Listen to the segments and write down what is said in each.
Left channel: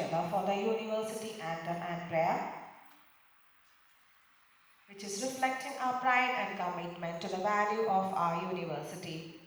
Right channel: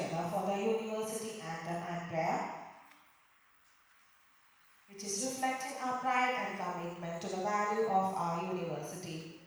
together for the university anthem and prayer, which is reflecting our pride and commitment to the value of our university.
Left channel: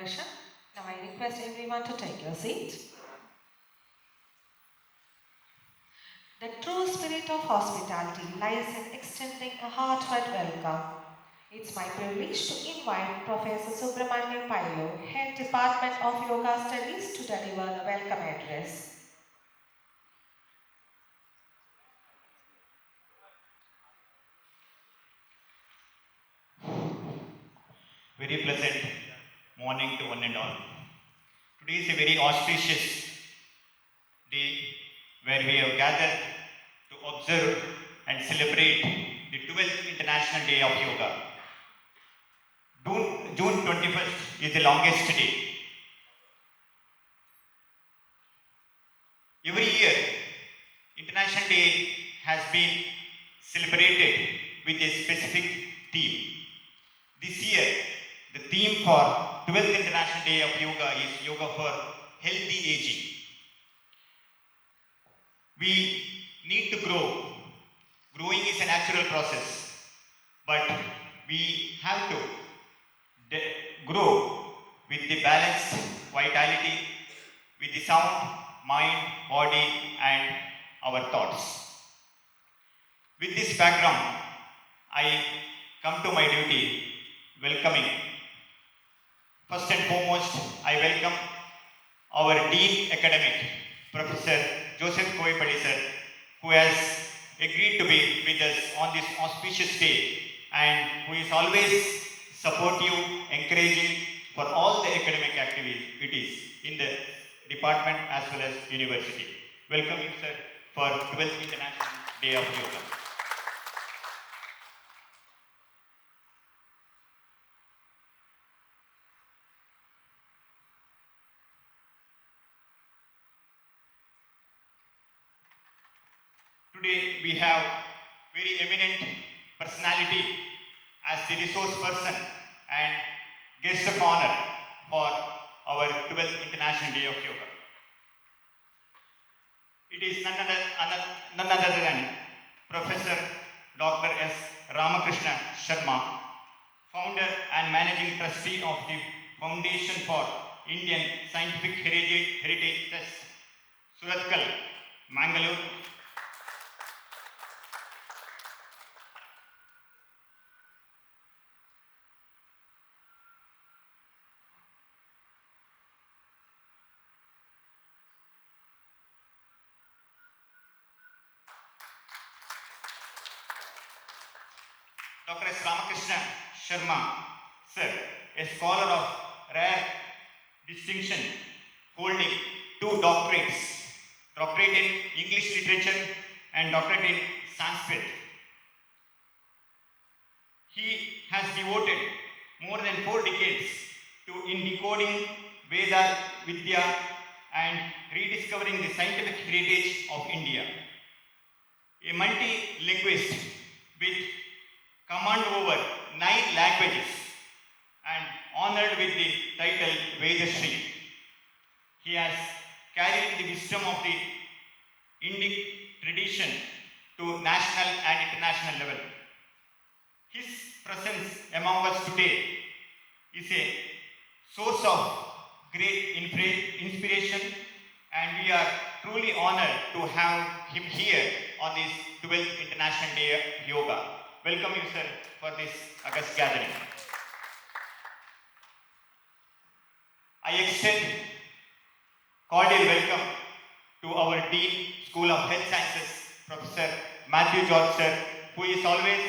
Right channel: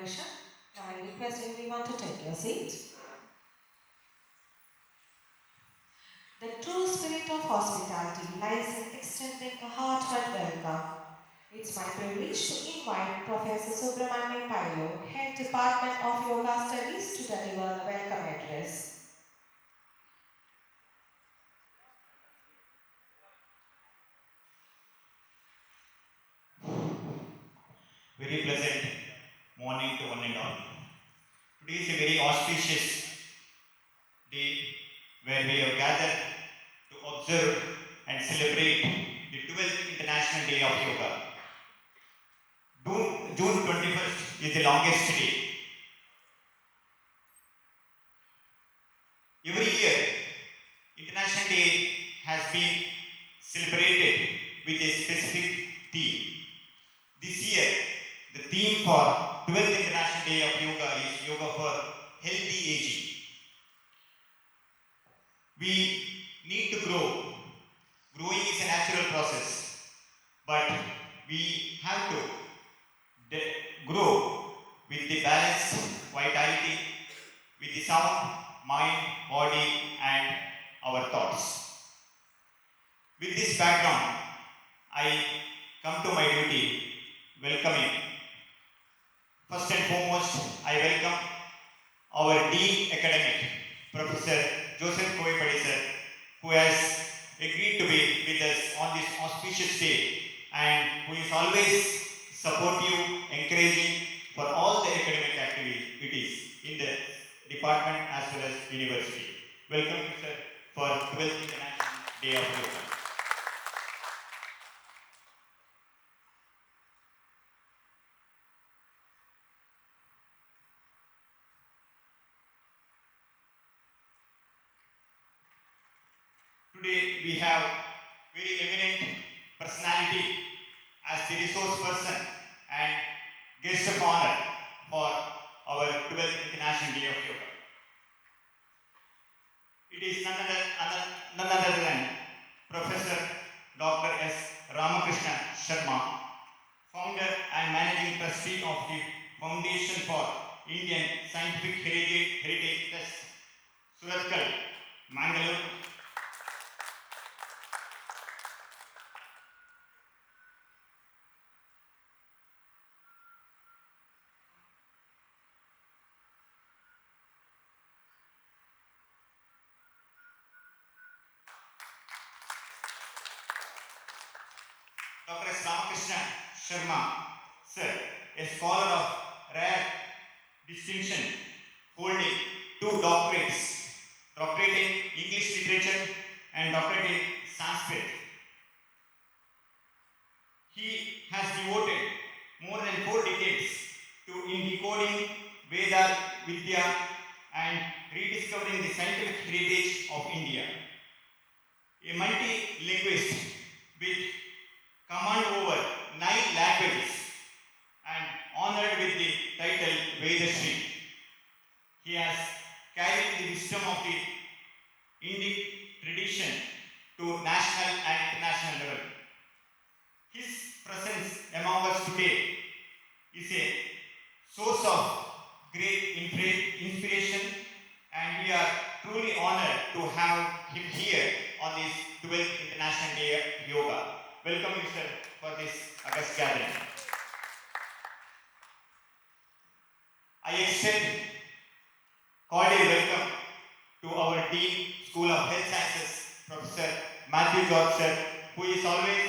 inauguration. Now I request everyone to take your seat. The true spirit of hospitality lies in extending a heartfelt welcome. It's my privilege to invite Professor Subramanian Pailu, Head Department of Yoga Studies, to deliver the welcome address. Very pleasant morning to one and all. Today is a very auspicious day where we have gathered to observe and celebrate the 12th International Day of Yoga. June 21st is the longest day. Every year, International Day has been celebrated with a specific theme. This year, the theme for 12th International Day of Yoga is Yoga for Healthy Aging. We need to grow. Growing is a natural process, but we have to grow with the balance, vitality, with the sound, mind, body, and our thoughts. With this background, I come to my duty welcoming. First and foremost, I welcome our Dean Academic, Professor Joseph Koyippally sir, who has agreed to be with us on this auspicious day and who is always supportive, encouraging for all the academic activities in the department as well as university. Welcome you sir for 12th International Day of Yoga. Today we have very eminent personality as the resource person and guest of honor for our 12th International Day of Yoga. It is none other than Professor Dr. S. Ramakrishna Sharma, founder and managing trustee of the Foundation for Indian Scientific Heritage Trust, Surathkal, Mangalore. Dr. S. Ramakrishna Sharma, sir, a scholar of rare distinction, holding 2 doctorates, doctorate in English literature and doctorate in Sanskrit. He has devoted more than 4 decades in decoding Veda, Vidya and rediscovering the scientific heritage of India. A multi-linguist with command over 9 languages and honored with the title Vedashri. He has carried the wisdom of the Indic tradition to national and international level. His presence among us today is a source of great inspiration, and we are truly honored to have him here on this 12th International Day of Yoga. Welcome you, sir, for this august gathering. I extend cordial welcome to our Dean, School of Health Sciences, Professor Matthew George, sir, who is always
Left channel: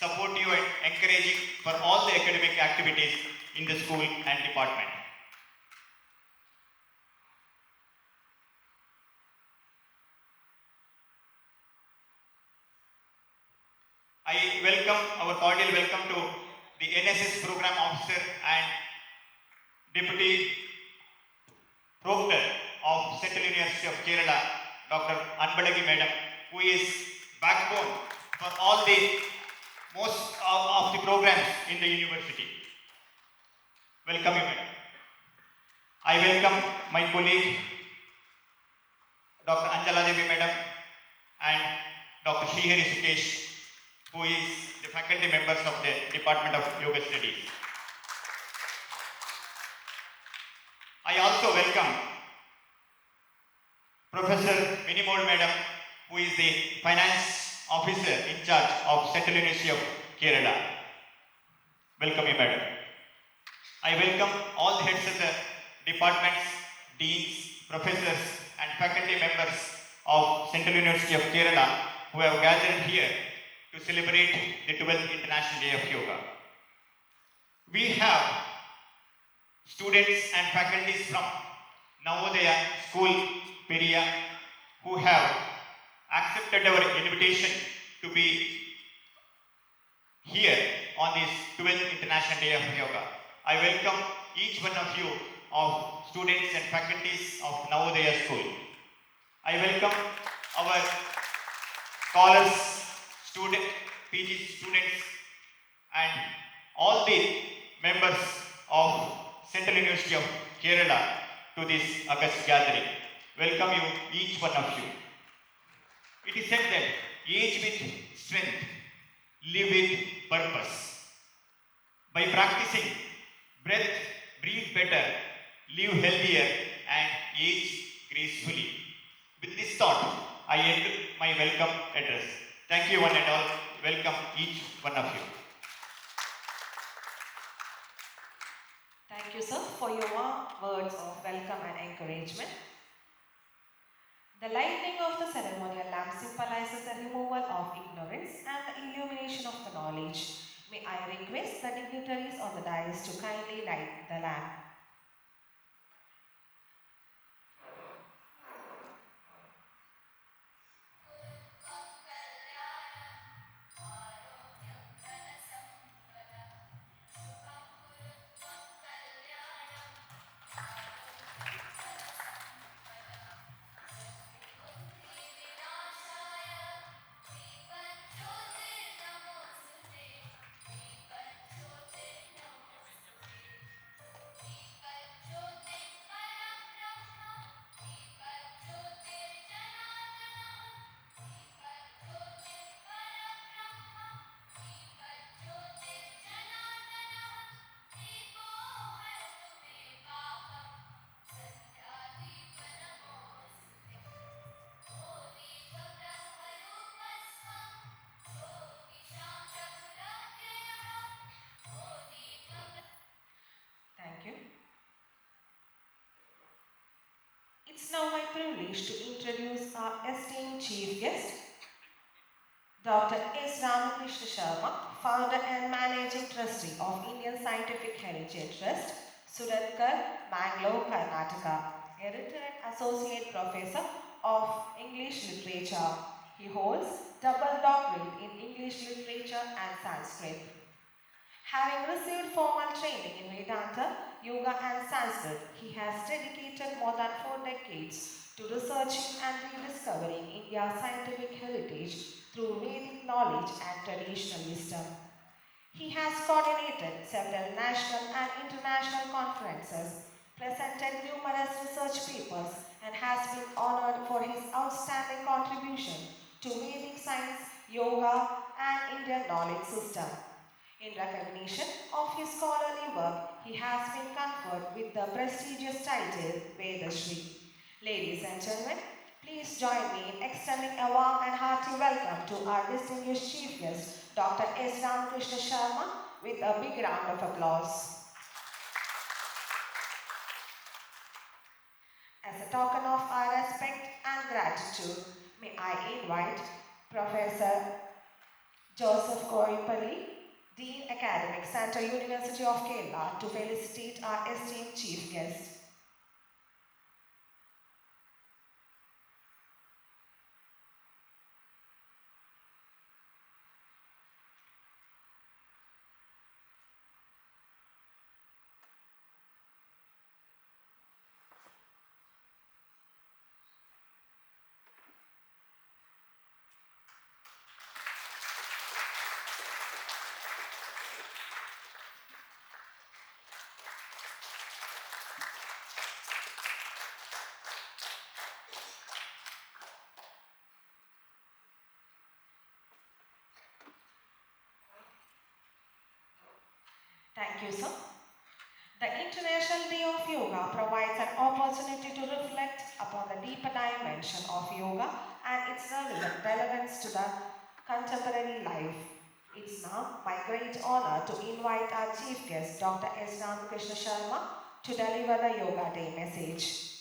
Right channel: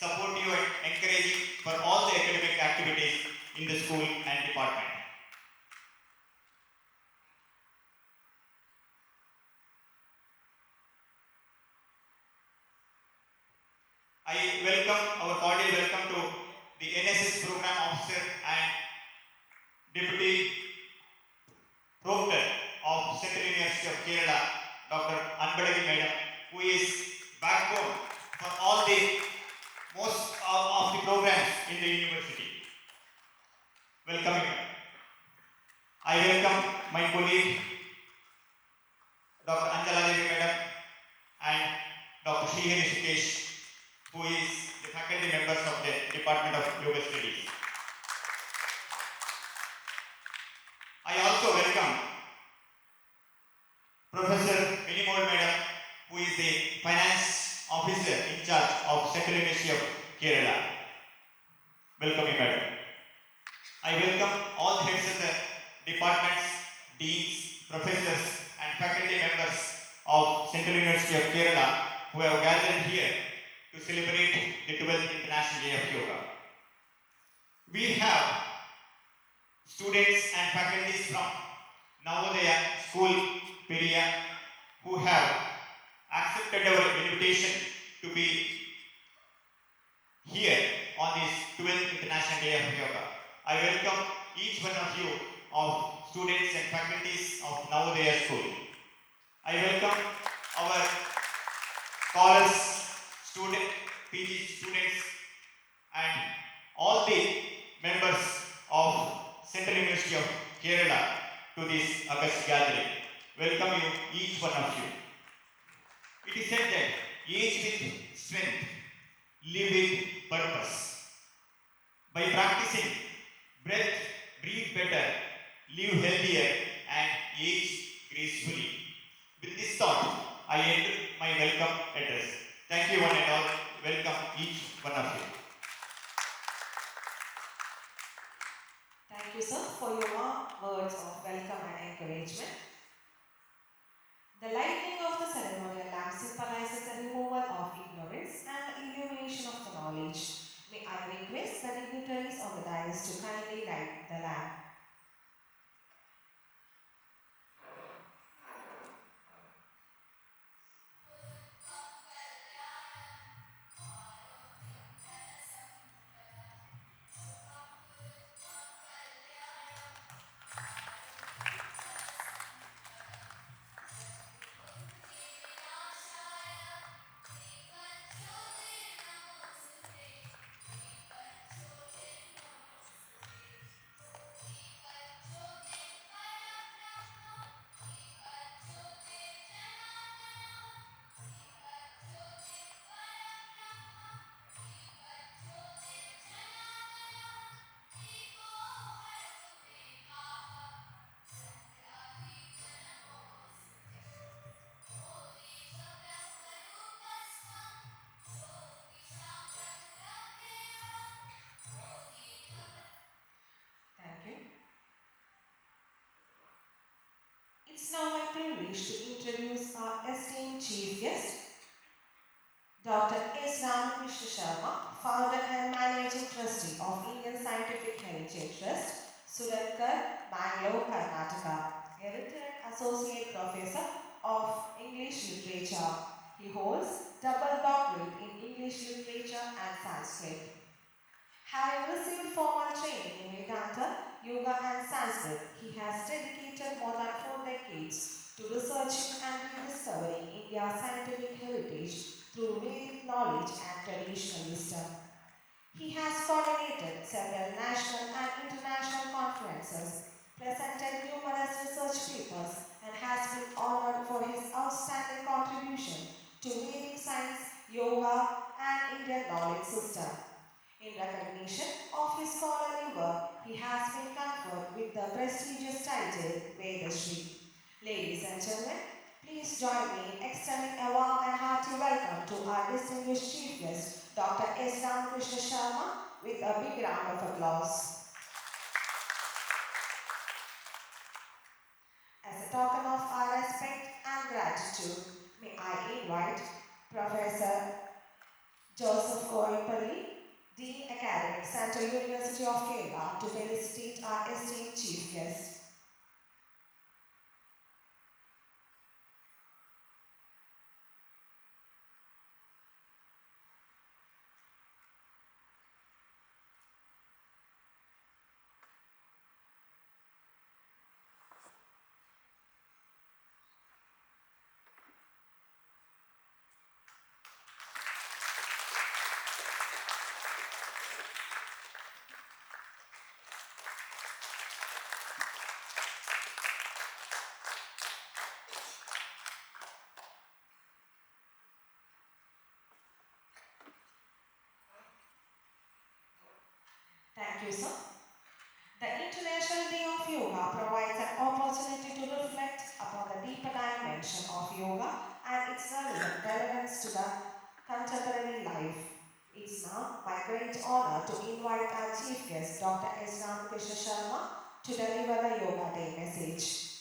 supportive and encouraging for all the academic activities in the school and department. I welcome our cordial welcome to the NSS Program Officer and Deputy Proctor of Central University of Kerala, Dr. Anbalagi Madam, who is backbone for all the most of the programs in the university. Welcome you, madam. I welcome my colleague, Dr. Anjala Devi Madam and Dr. Srihari Sukesh, who is the faculty members of the Department of Yoga Studies. I also welcome Professor Minimol Madam, who is the Finance Officer in charge of Central University of Kerala. Welcome you, Madam. I welcome all the heads of the departments, deans, professors, and faculty members of Central University of Kerala who have gathered here to celebrate the 12th International Day of Yoga. We have students and faculties from Navodaya School, Periya, who have accepted our invitation to be here on this 12th International Day of Yoga. I welcome each one of you of students and faculties of Navodaya School. I welcome our scholars, PG students, and all the members of Central University of Kerala to this August gathering. Welcome you, each one of you. It is said that age with strength, live with purpose. By practicing breath, breathe better, live healthier, and age gracefully. With this thought, I end my welcome address. Thank you one and all. Welcome each one of you. Thank you, sir, for your warm words of welcome and encouragement. The lighting of the ceremonial lamp symbolizes the removal of ignorance and the illumination of the knowledge. May I request the dignitaries on the dais to kindly light the lamp. Thank you. It's now my privilege to introduce our esteemed chief guest, Dr. S. Ramakrishna Sharma, founder and managing trustee of Indian Scientific Heritage Trust, Suratkar, Bangalore, Karnataka, a retired associate professor of English literature. He holds double doctorate in English literature and Sanskrit. Having received formal training in Vedanta, Yoga and Sanskrit, he has dedicated more than 4 decades to researching and rediscovering India's scientific heritage through Vedic knowledge and traditional wisdom. He has coordinated several national and international conferences, presented numerous research papers, and has been honored for his outstanding contribution to Vedic science, yoga, and Indian knowledge system. In recognition of his scholarly work, he has been conferred with the prestigious title Vedashri. Ladies and gentlemen, please join me in extending a warm and hearty welcome to our distinguished chief guest, Dr. S. Ramakrishna Sharma, with a big round of applause. As a token of our respect and gratitude, may I invite Professor Joseph Koyippally, Dean Academic, Central University of Kerala, to felicitate our esteemed chief guest. Thank you, sir. The International Day of Yoga provides an opportunity to reflect upon the deeper dimension of yoga and its relevance to the contemporary life. It's now my great honor to invite our chief guest, Dr. S. Ramakrishna Sharma, to deliver the Yoga Day message.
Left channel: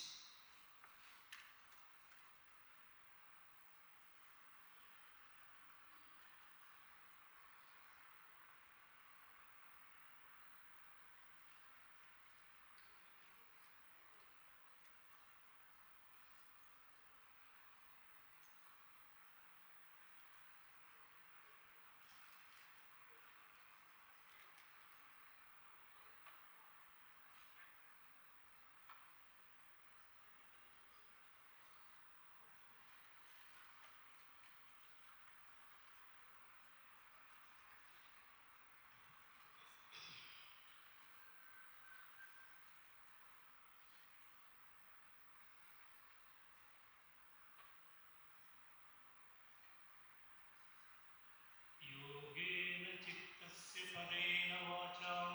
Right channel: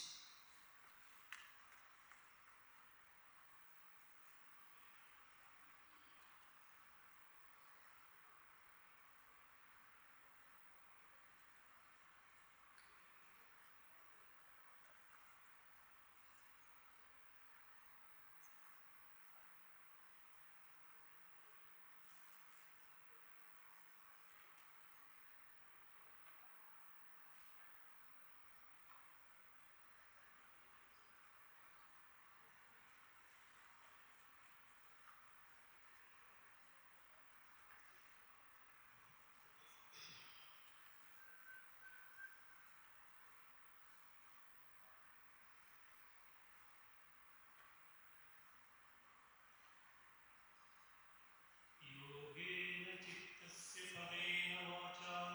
योगेन चित्तस्य परेण वाचां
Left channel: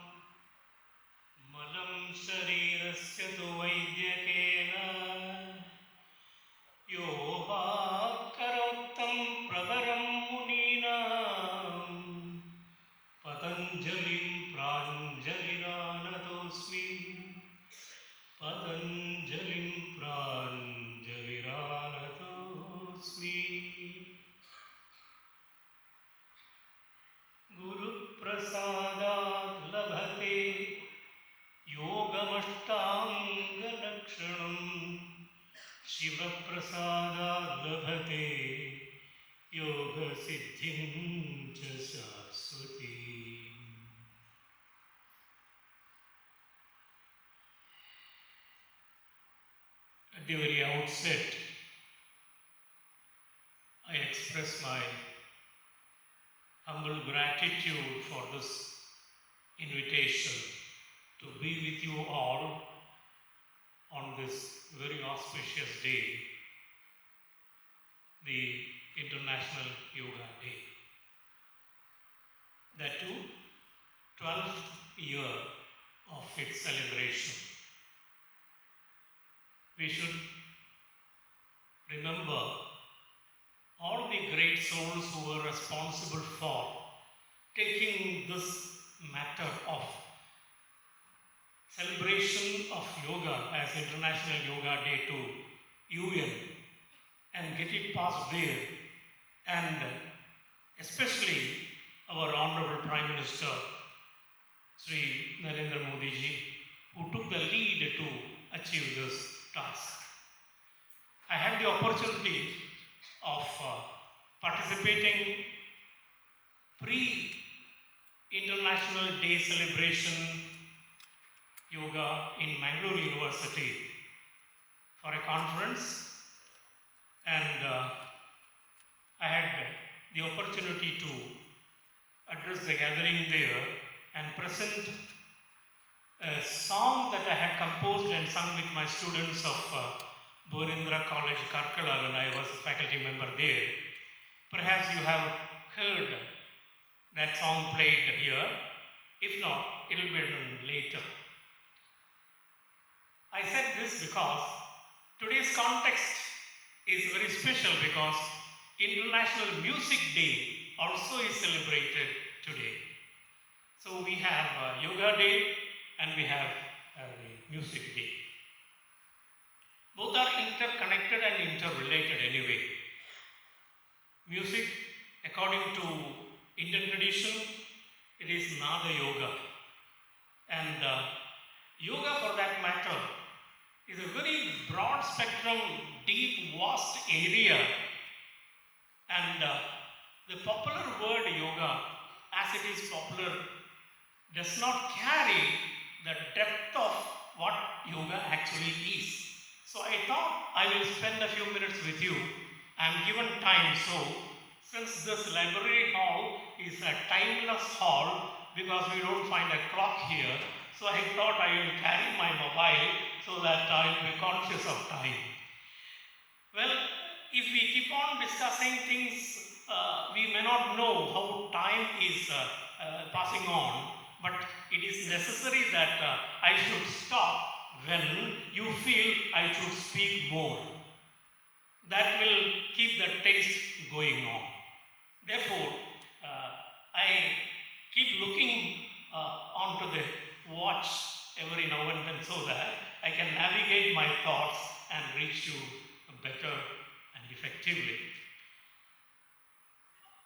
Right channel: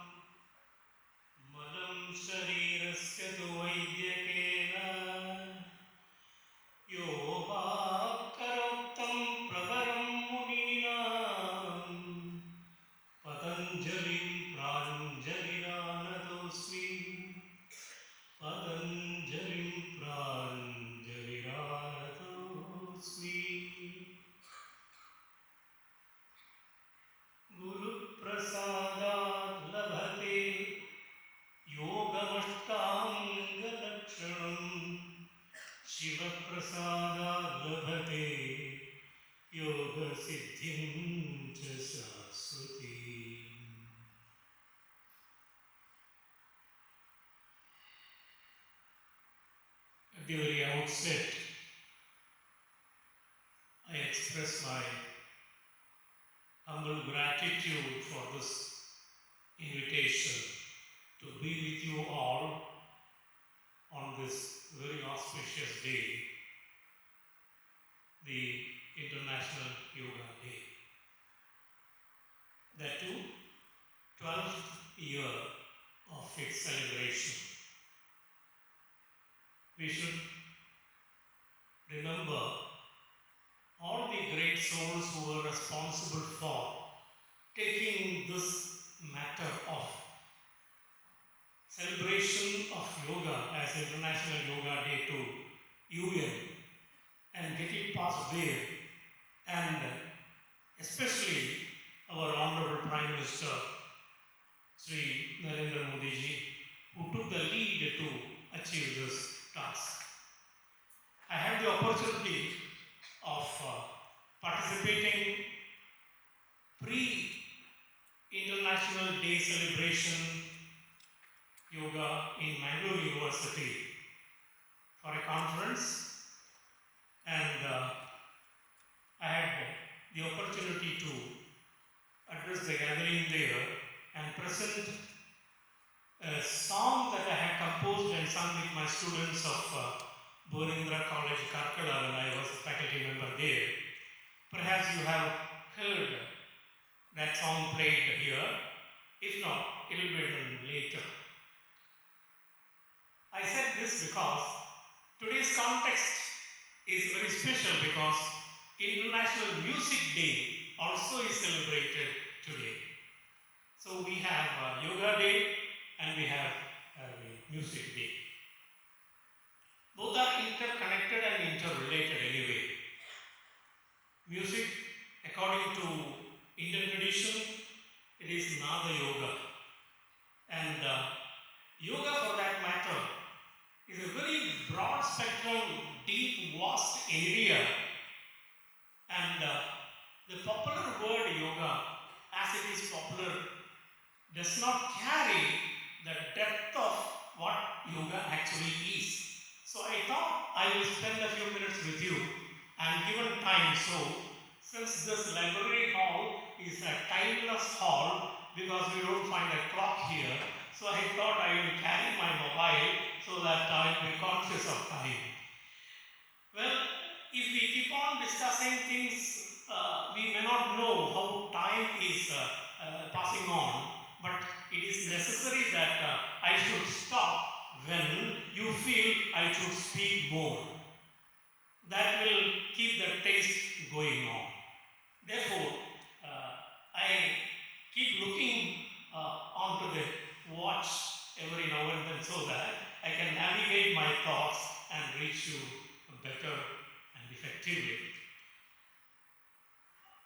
मलं शरीरस्य तु वैद्यकेन योपाकरोक्तं प्रवरं मुनीनां पतञ्जलिं प्राञ्जलिरानतोऽस्मि पतञ्जलिं प्राञ्जलिरानतोऽस्मि गुरुप्रसादात् लभते योगमष्टाङ्गलक्षणम् शिवप्रसादात् लभते योगसिद्धिं च शाश्वतीम्। At the very outset, I express my humble gratitude for this invitation to be with you all on this very auspicious day, the International Yoga Day. That too, 12th year of its celebration. We should remember all the great souls who were responsible for taking this matter of celebration of yoga as International Yoga Day to UN and get it passed there, and especially our Honorable Prime Minister Sri Narendra Modi ji, who took the lead to achieve this task. I had the opportunity of participating pre-International Day celebration yoga in Mangalore University for a conference, and I had the opportunity to address the gathering there and present a song that I had composed and sung with my students of Borindra College, Karkala, when I was a faculty member there. Perhaps you have heard that song played here. If not, it will be done later. I said this because today's context is very special, because International Music Day also is celebrated today. So we have Yoga Day and we have Music Day. Both are interconnected and interrelated anyway. Music, according to Indian tradition, it is Nada Yoga. And yoga, for that matter, is a very broad spectrum, deep, vast area. And the popular word yoga, as it is popular, does not carry the depth of what yoga actually is. So I thought I will spend a few minutes with you. I am given time, so since this library hall is a timeless hall, because we don't find a clock here, so I thought I will carry my mobile so that I will be conscious of time. Well, if we keep on discussing things, we may not know how time is passing on, but it is necessary that I should stop when you feel I should speak more. That will keep the taste going on. Therefore, I keep looking onto the watch every now and then so that I can navigate my thoughts and reach you better and effectively.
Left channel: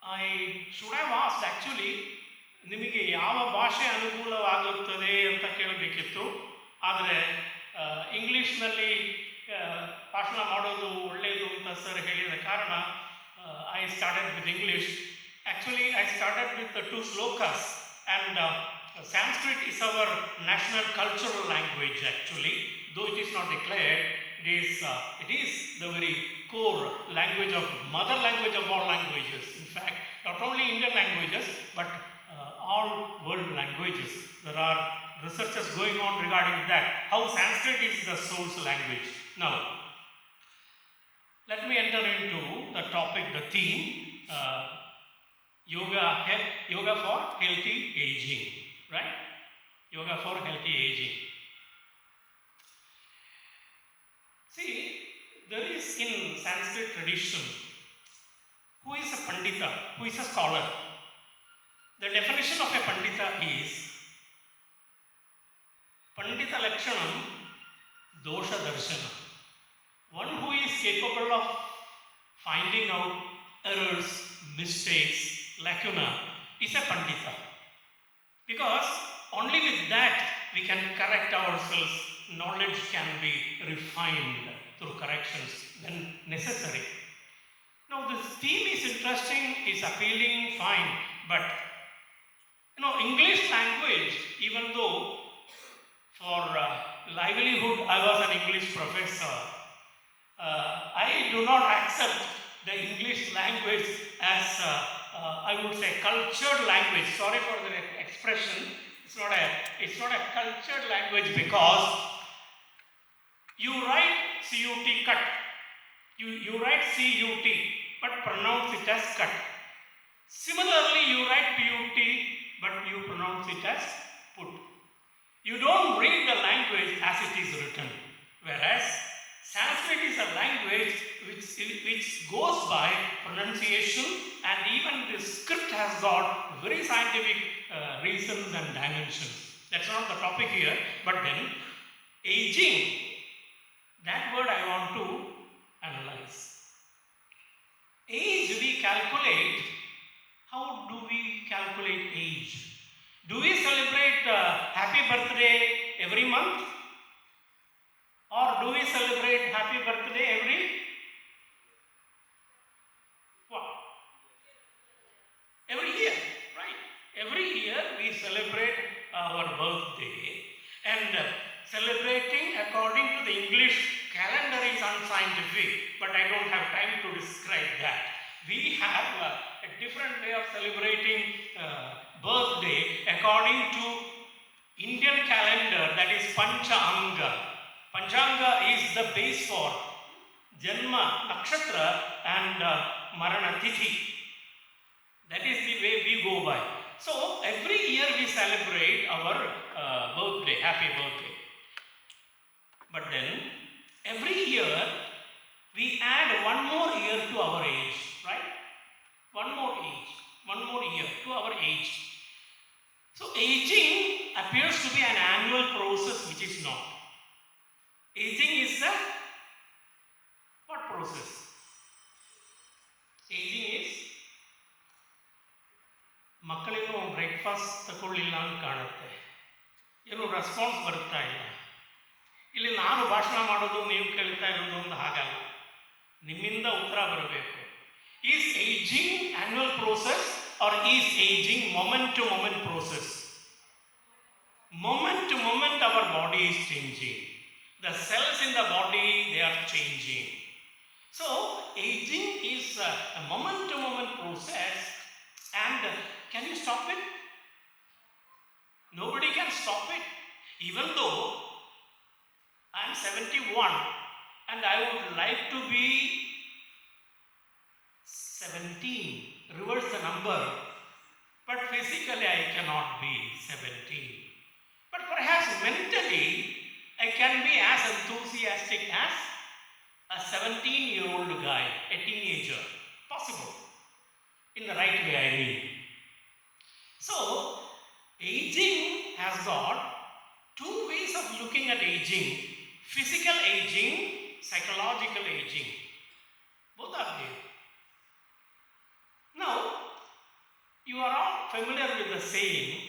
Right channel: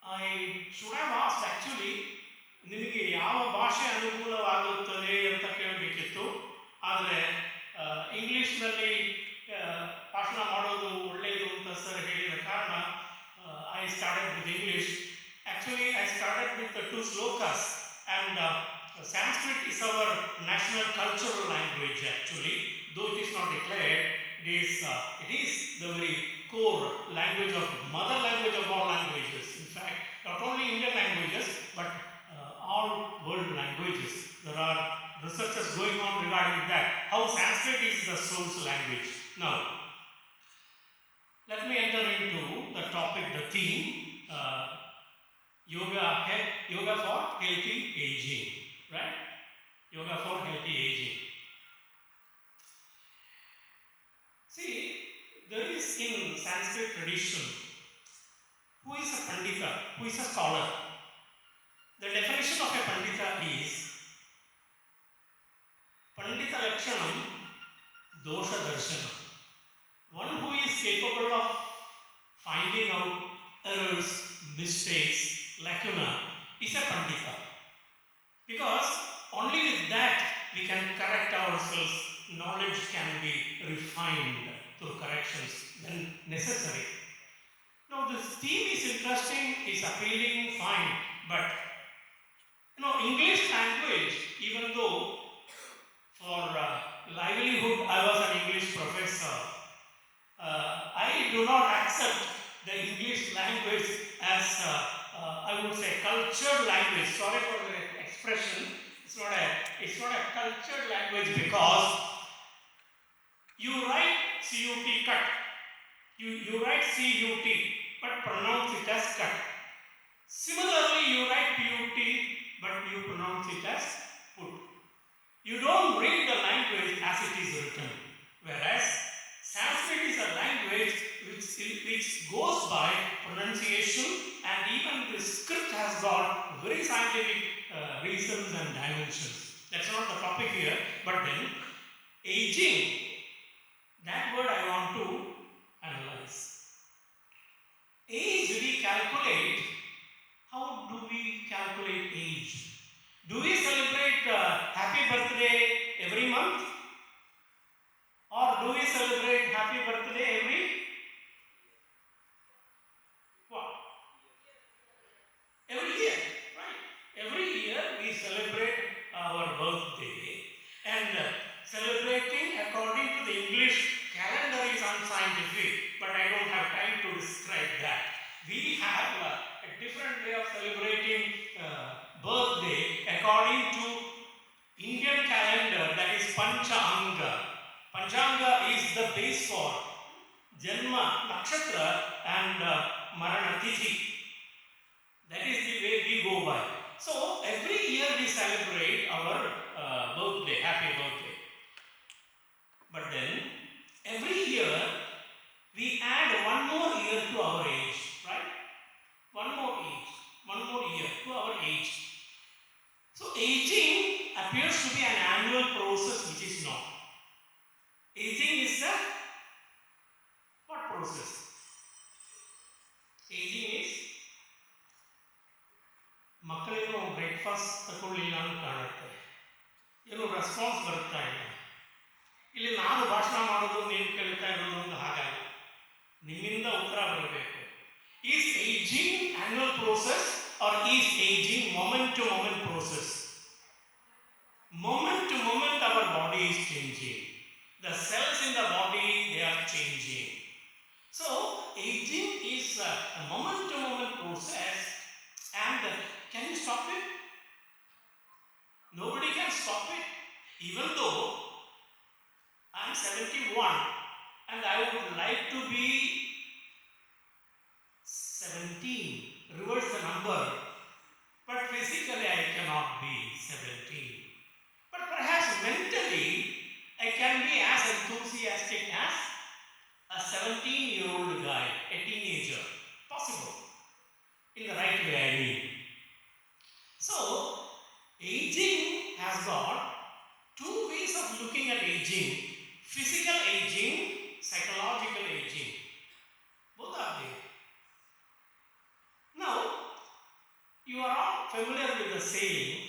I should have asked actually, ನಿಮಗೆ ಯಾವ ಭಾಷೆ ಅನುಕೂಲವಾಗುತ್ತದೆ ಅಂತ ಕೇಳಬೇಕಿತ್ತು. ಆದರೆ ಇಂಗ್ಲೀಷ್ನಲ್ಲಿ ಭಾಷಣ ಮಾಡೋದು ಒಳ್ಳೆಯದು ಅಂತ ಸರ್ ಹೇಳಿದ ಕಾರಣ I started with English. Actually, I started with the 2 slokas, and Sanskrit is our national cultural language actually, though it is not declared. It is the very core language of mother language of all languages. In fact, not only Indian languages, but all world languages. There are researches going on regarding that, how Sanskrit is the source language. Now, let me enter into the topic, the theme, yoga for healthy aging, right? Yoga for healthy aging. See, there is in Sanskrit tradition, who is a pandita, who is a scholar. The definition of a pandita is pandita lakshanam dosha darshanam. One who is capable of finding out errors, mistakes, lacuna is a pandita. Because only with that we can correct ourselves, knowledge can be refined through corrections when necessary. Now this theme is interesting, is appealing, fine, but English language, even though for livelihood I was an English professor, I do not accept the English language as I would say cultured language. Sorry for the expression. It's not a cultured language, because you write CUT cut. You write CUT but pronounce it as cut. Similarly, you write PUT but you pronounce it as put. You don't read the language as it is written. Whereas Sanskrit is a language which goes by pronunciation, and even the script has got very scientific reasons and dimensions. That's not the topic here, but then aging, that word I want to analyze. Age we calculate. How do we calculate age? Do we celebrate happy birthday every month? Or do we celebrate happy birthday every year, right? Every year we celebrate our birthday, and celebrating according to the English calendar is unscientific, but I don't have time to describe that. We have a different way of celebrating birthday according to Indian calendar, that is Panchanga. Panchanga is the base for Janma, Nakshatra and Marana Tithi. That is the way we go by. So every year we celebrate our birthday, happy birthday. But then every year we add one more year to our age, right? One more year to our age. So aging appears to be an annual process, which is not. Aging is a what process? Aging is ಮಕ್ಕಳೇನೋ breakfast ತಗೊಳ್ಳಿಲ್ಲ ಅಂತ ಕಾಣುತ್ತೆ, ಏನೋ response ಬರ್ತಾ ಇಲ್ಲ. ಇಲ್ಲಿ ನಾನು ಭಾಷಣ ಮಾಡೋದು ನೀವು ಕೇಳ್ತಾ ಇರೋದು ಒಂದು ಹಾಗಲ್ಲ, ನಿಮ್ಮಿಂದ ಉತ್ತರ ಬರಬೇಕು. Is ageing annual process or is ageing moment to moment process? Moment to moment our body is changing. The cells in the body, they are changing. So aging is a moment to moment process, and can you stop it? Nobody can stop it. Even though I am 71 and I would like to be 17, reverse the number, but physically I cannot be 17. But perhaps mentally I I can be as enthusiastic as a 17-year-old guy, a teenager. Possible. In the right way, I mean. So, aging has got two ways of looking at aging. Physical aging, psychological aging. Both are there. Now, you are all familiar with the saying,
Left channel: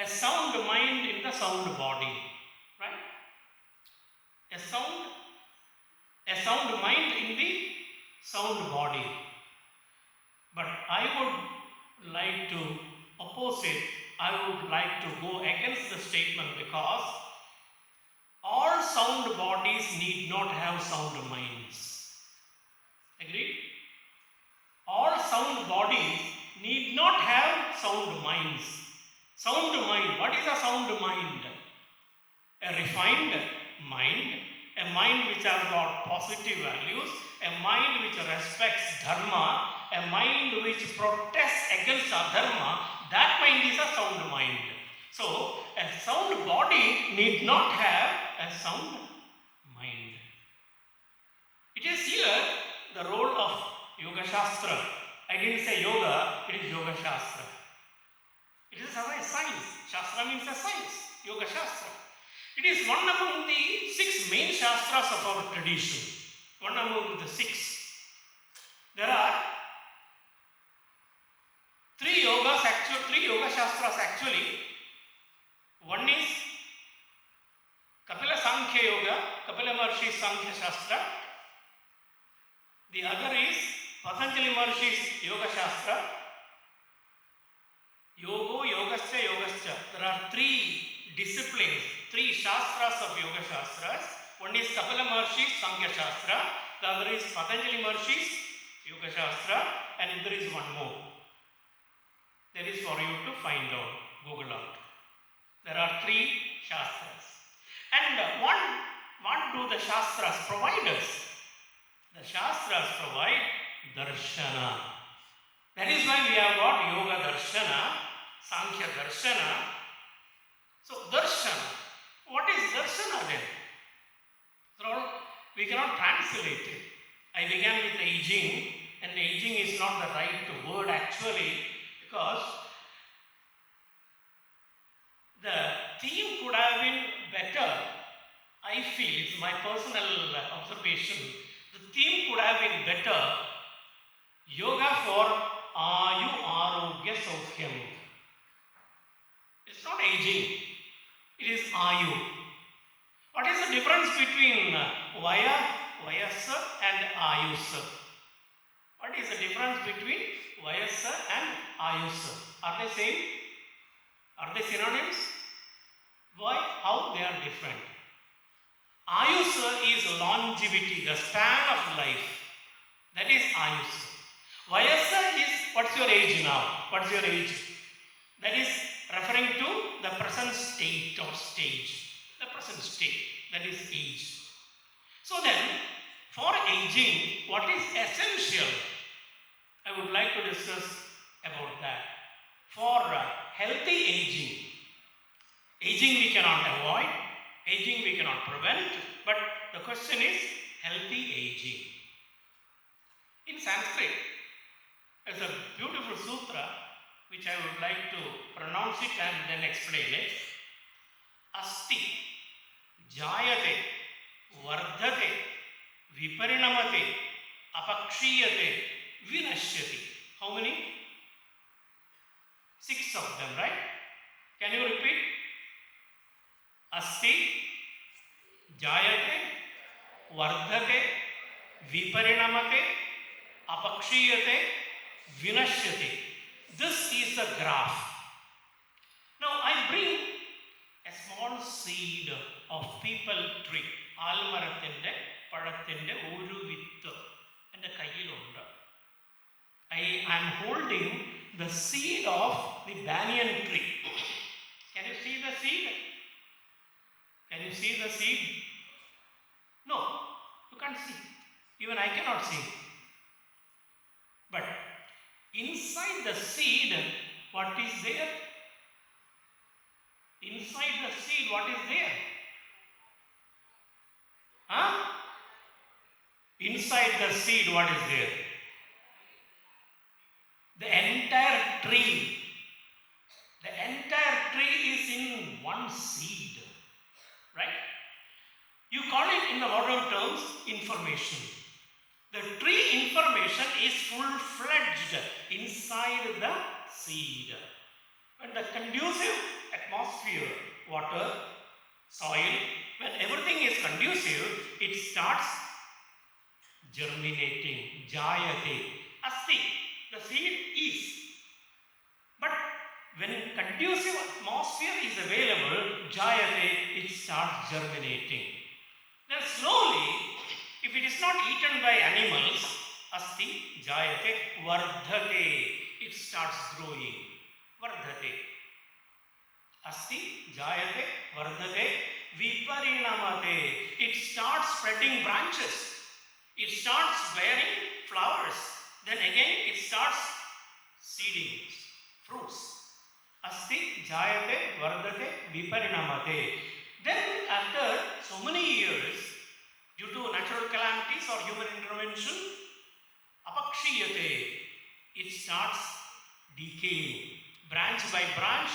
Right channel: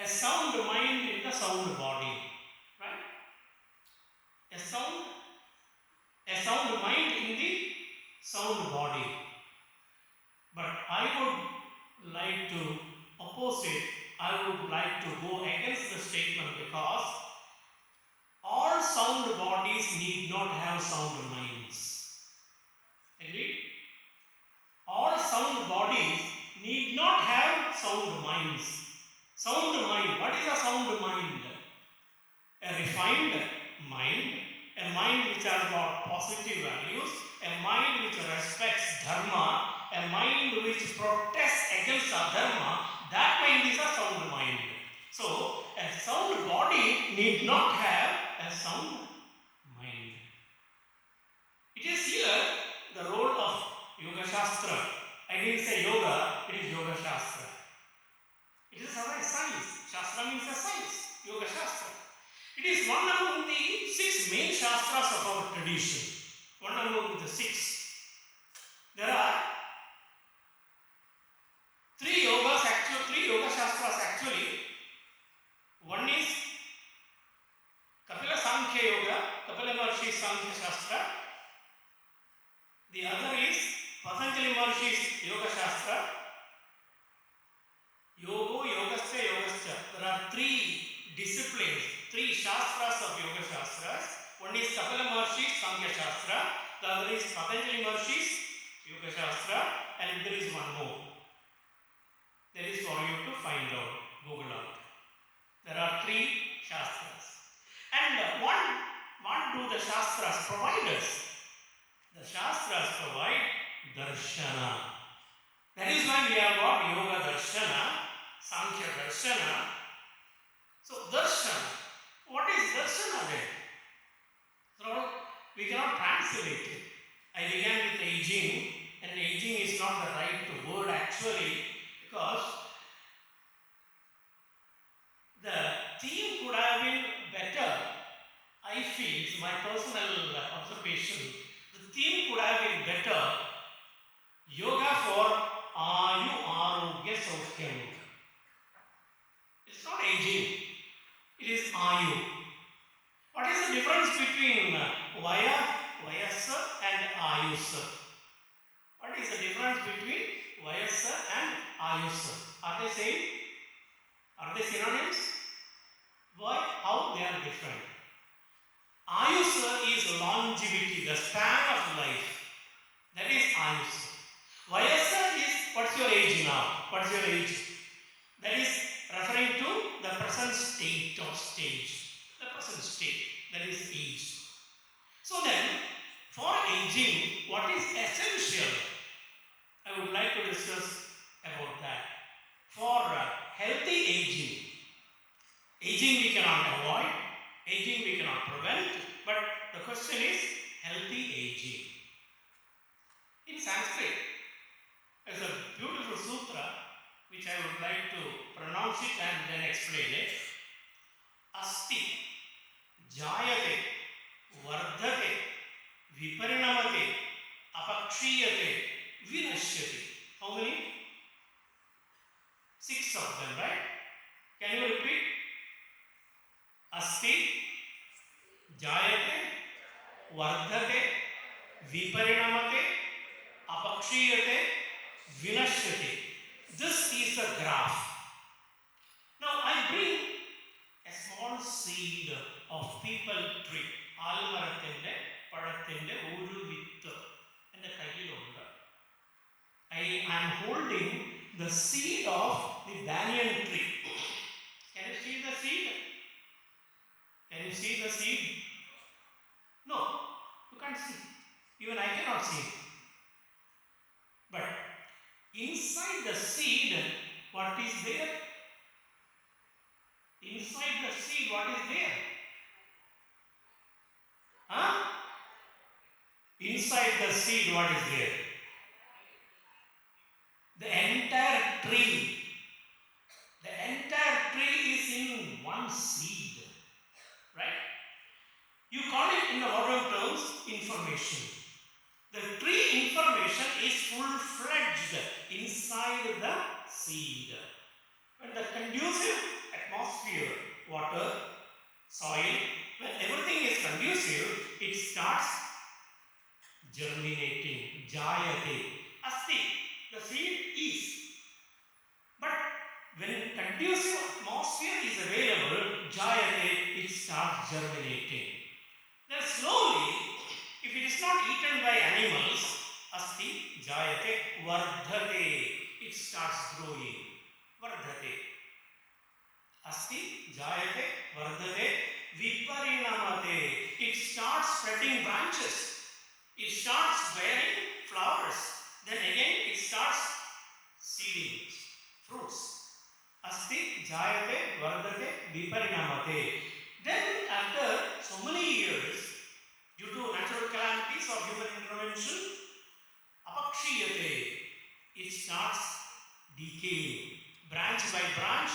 a sound mind in the sound body, right? A sound mind in the sound body. But I would like to oppose it. I would like to go against the statement because all sound bodies need not have sound minds. Agreed? All sound bodies need not have sound minds. Sound mind. What is a sound mind? A refined mind, a mind which has got positive values, a mind which respects dharma, a mind which protests against adharma. That mind is a sound mind. So, a sound body need not have a sound mind. It is here the role of Yoga Shastra. I didn't say yoga, it is Yoga Shastra. It is a science. Shastra means a science. Yoga Shastra. It is one among the 6 main Shastras of our tradition. One among the 6. There are 3 Yoga Shastras actually. One is Kapila Sankhya Yoga, Kapila Maharshi's Sankhya Shastra. The other is Patanjali Maharshi's Yoga Shastra. Yogo, Yogascha, Yogascha. There are 3 disciplines, 3 Shastras of Yoga Shastras. One is Kapila Maharshi's Sankhya Shastra. The other is Patanjali Maharshi's Yoga Shastra. And there is one more. There is for you to find out, Google out. There are 3 Shastras. And what do the Shastras provide us? The Shastras provide Darshana. That is why we have got Yoga Darshana, Sankhya Darshana. So Darshana, what is Darshana then? So we cannot translate it. I began with aging, and aging is not the right word actually, because the theme could have been better. I feel, it's my personal observation, the theme could have been better. Yoga for Ayu Arogya Saukyam. It's not aging, it is Ayu. What is the difference between Vayasa and Ayusa? What is the difference between Vayasa and Ayusa? Are they same? Are they synonyms? Why? How they are different? Ayusa is longevity, the span of life. That is Ayusa. Vayasa is what's your age now? What's your age? That is referring to the present state or stage. The present state. That is age. So then, for aging, what is essential? I would like to discuss about that. For healthy aging, aging we cannot avoid, aging we cannot prevent, but the question is healthy aging. In Sanskrit, there's a beautiful sutra which I would like to pronounce it and then explain it. Asti, Jayate, Vardhate, Viparinamate, Apakshiyate, Vinashyati. How many? 6 of them, right? Can you repeat? Asti, Jayate, Vardhate, Viparinamate, Apakshiyate, Vinashyati. This is the graph. Now I bring a small seed of people tree. Almarathinte, Padathinte, Uru Vittu. And the Kayilunda. I am holding the seed of the banyan tree. Can you see the seed? Can you see the seed? No, you can't see. Even I cannot see. But inside the seed, what is there? Inside the seed, what is there? Huh? Inside the seed, what is there? The entire tree. The entire tree is in one seed. Right? You call it in the modern terms information. The tree information is full-fledged inside the seed. When the conducive atmosphere, water, soil, when everything is conducive, it starts germinating, jayate, asti, the seed is. But when conducive atmosphere is available, jayate, it starts germinating. Then slowly, if it is not eaten by animals, asti, jayate, vardhate, it starts growing. Vardhate. Asti, jayate, vardhate, viparinamate. It starts spreading branches. It starts bearing flowers. Then again it starts seeding fruits. Asti, jayate, vardhate, viparinamate. Then after so many years, due to natural calamities or human intervention, apakshiyate, it starts decaying. Branch by branch,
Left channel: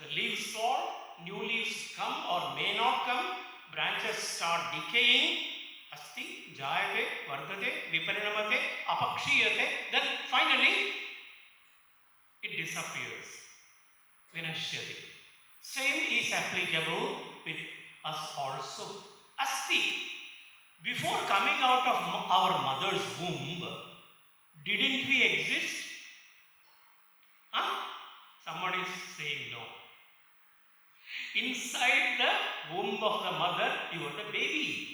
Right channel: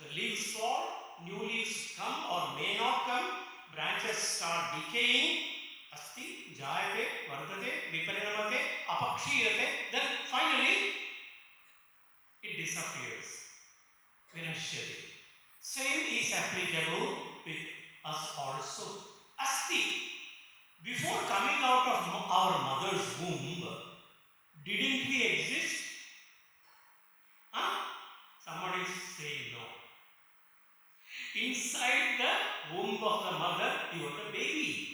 the leaves fall, new leaves come or may not come, branches start decaying. Asti, jayate, vardhate, viparinamate, apakshiyate, then finally it disappears. Vinashyate. Same is applicable with us also. Asti, before coming out of our mother's womb, didn't we exist? Huh? Somebody is saying no. Inside the womb of the mother, you were the baby.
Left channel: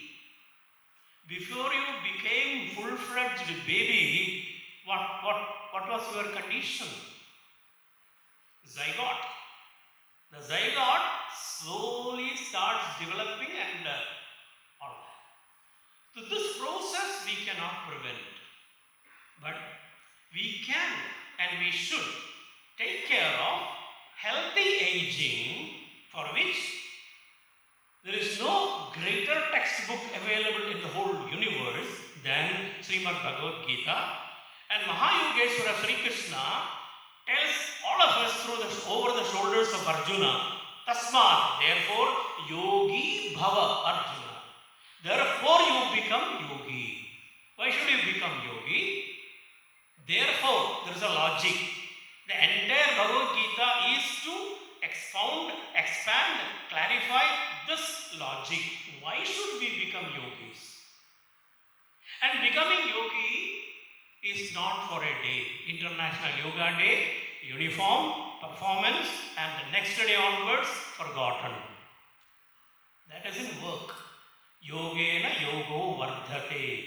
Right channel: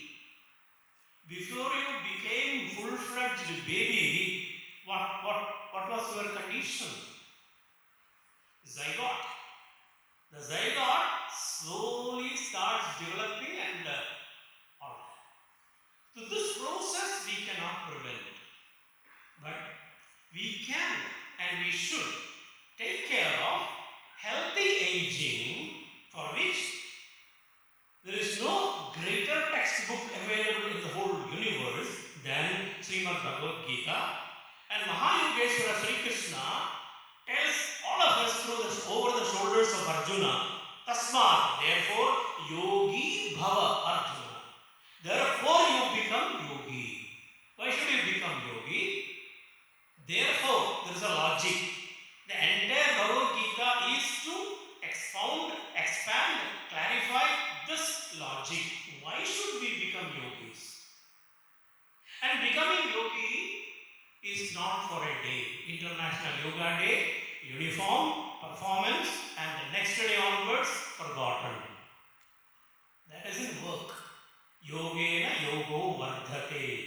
Before you became full-fledged baby, what was your condition? Zygote. The zygote slowly starts developing and all that. So this process we cannot prevent. But we can and we should take care of healthy aging, for which there is no greater textbook available in the whole universe than Srimad Bhagavad Gita. And Mahayogeshwara Sri Krishna tells all of us over the shoulders of Arjuna, Tasmat, therefore, yogi bhava Arjuna. Therefore you become yogi. Why should you become yogi? Therefore, there is a logic. The entire Bhagavad Gita is to expound, expand, clarify this logic. Why should we become yogis? And becoming yogi is not for a day. International Yoga Day, uniform, performance, and the next day onwards, forgotten. That doesn't work. Yogena yogo vardhate.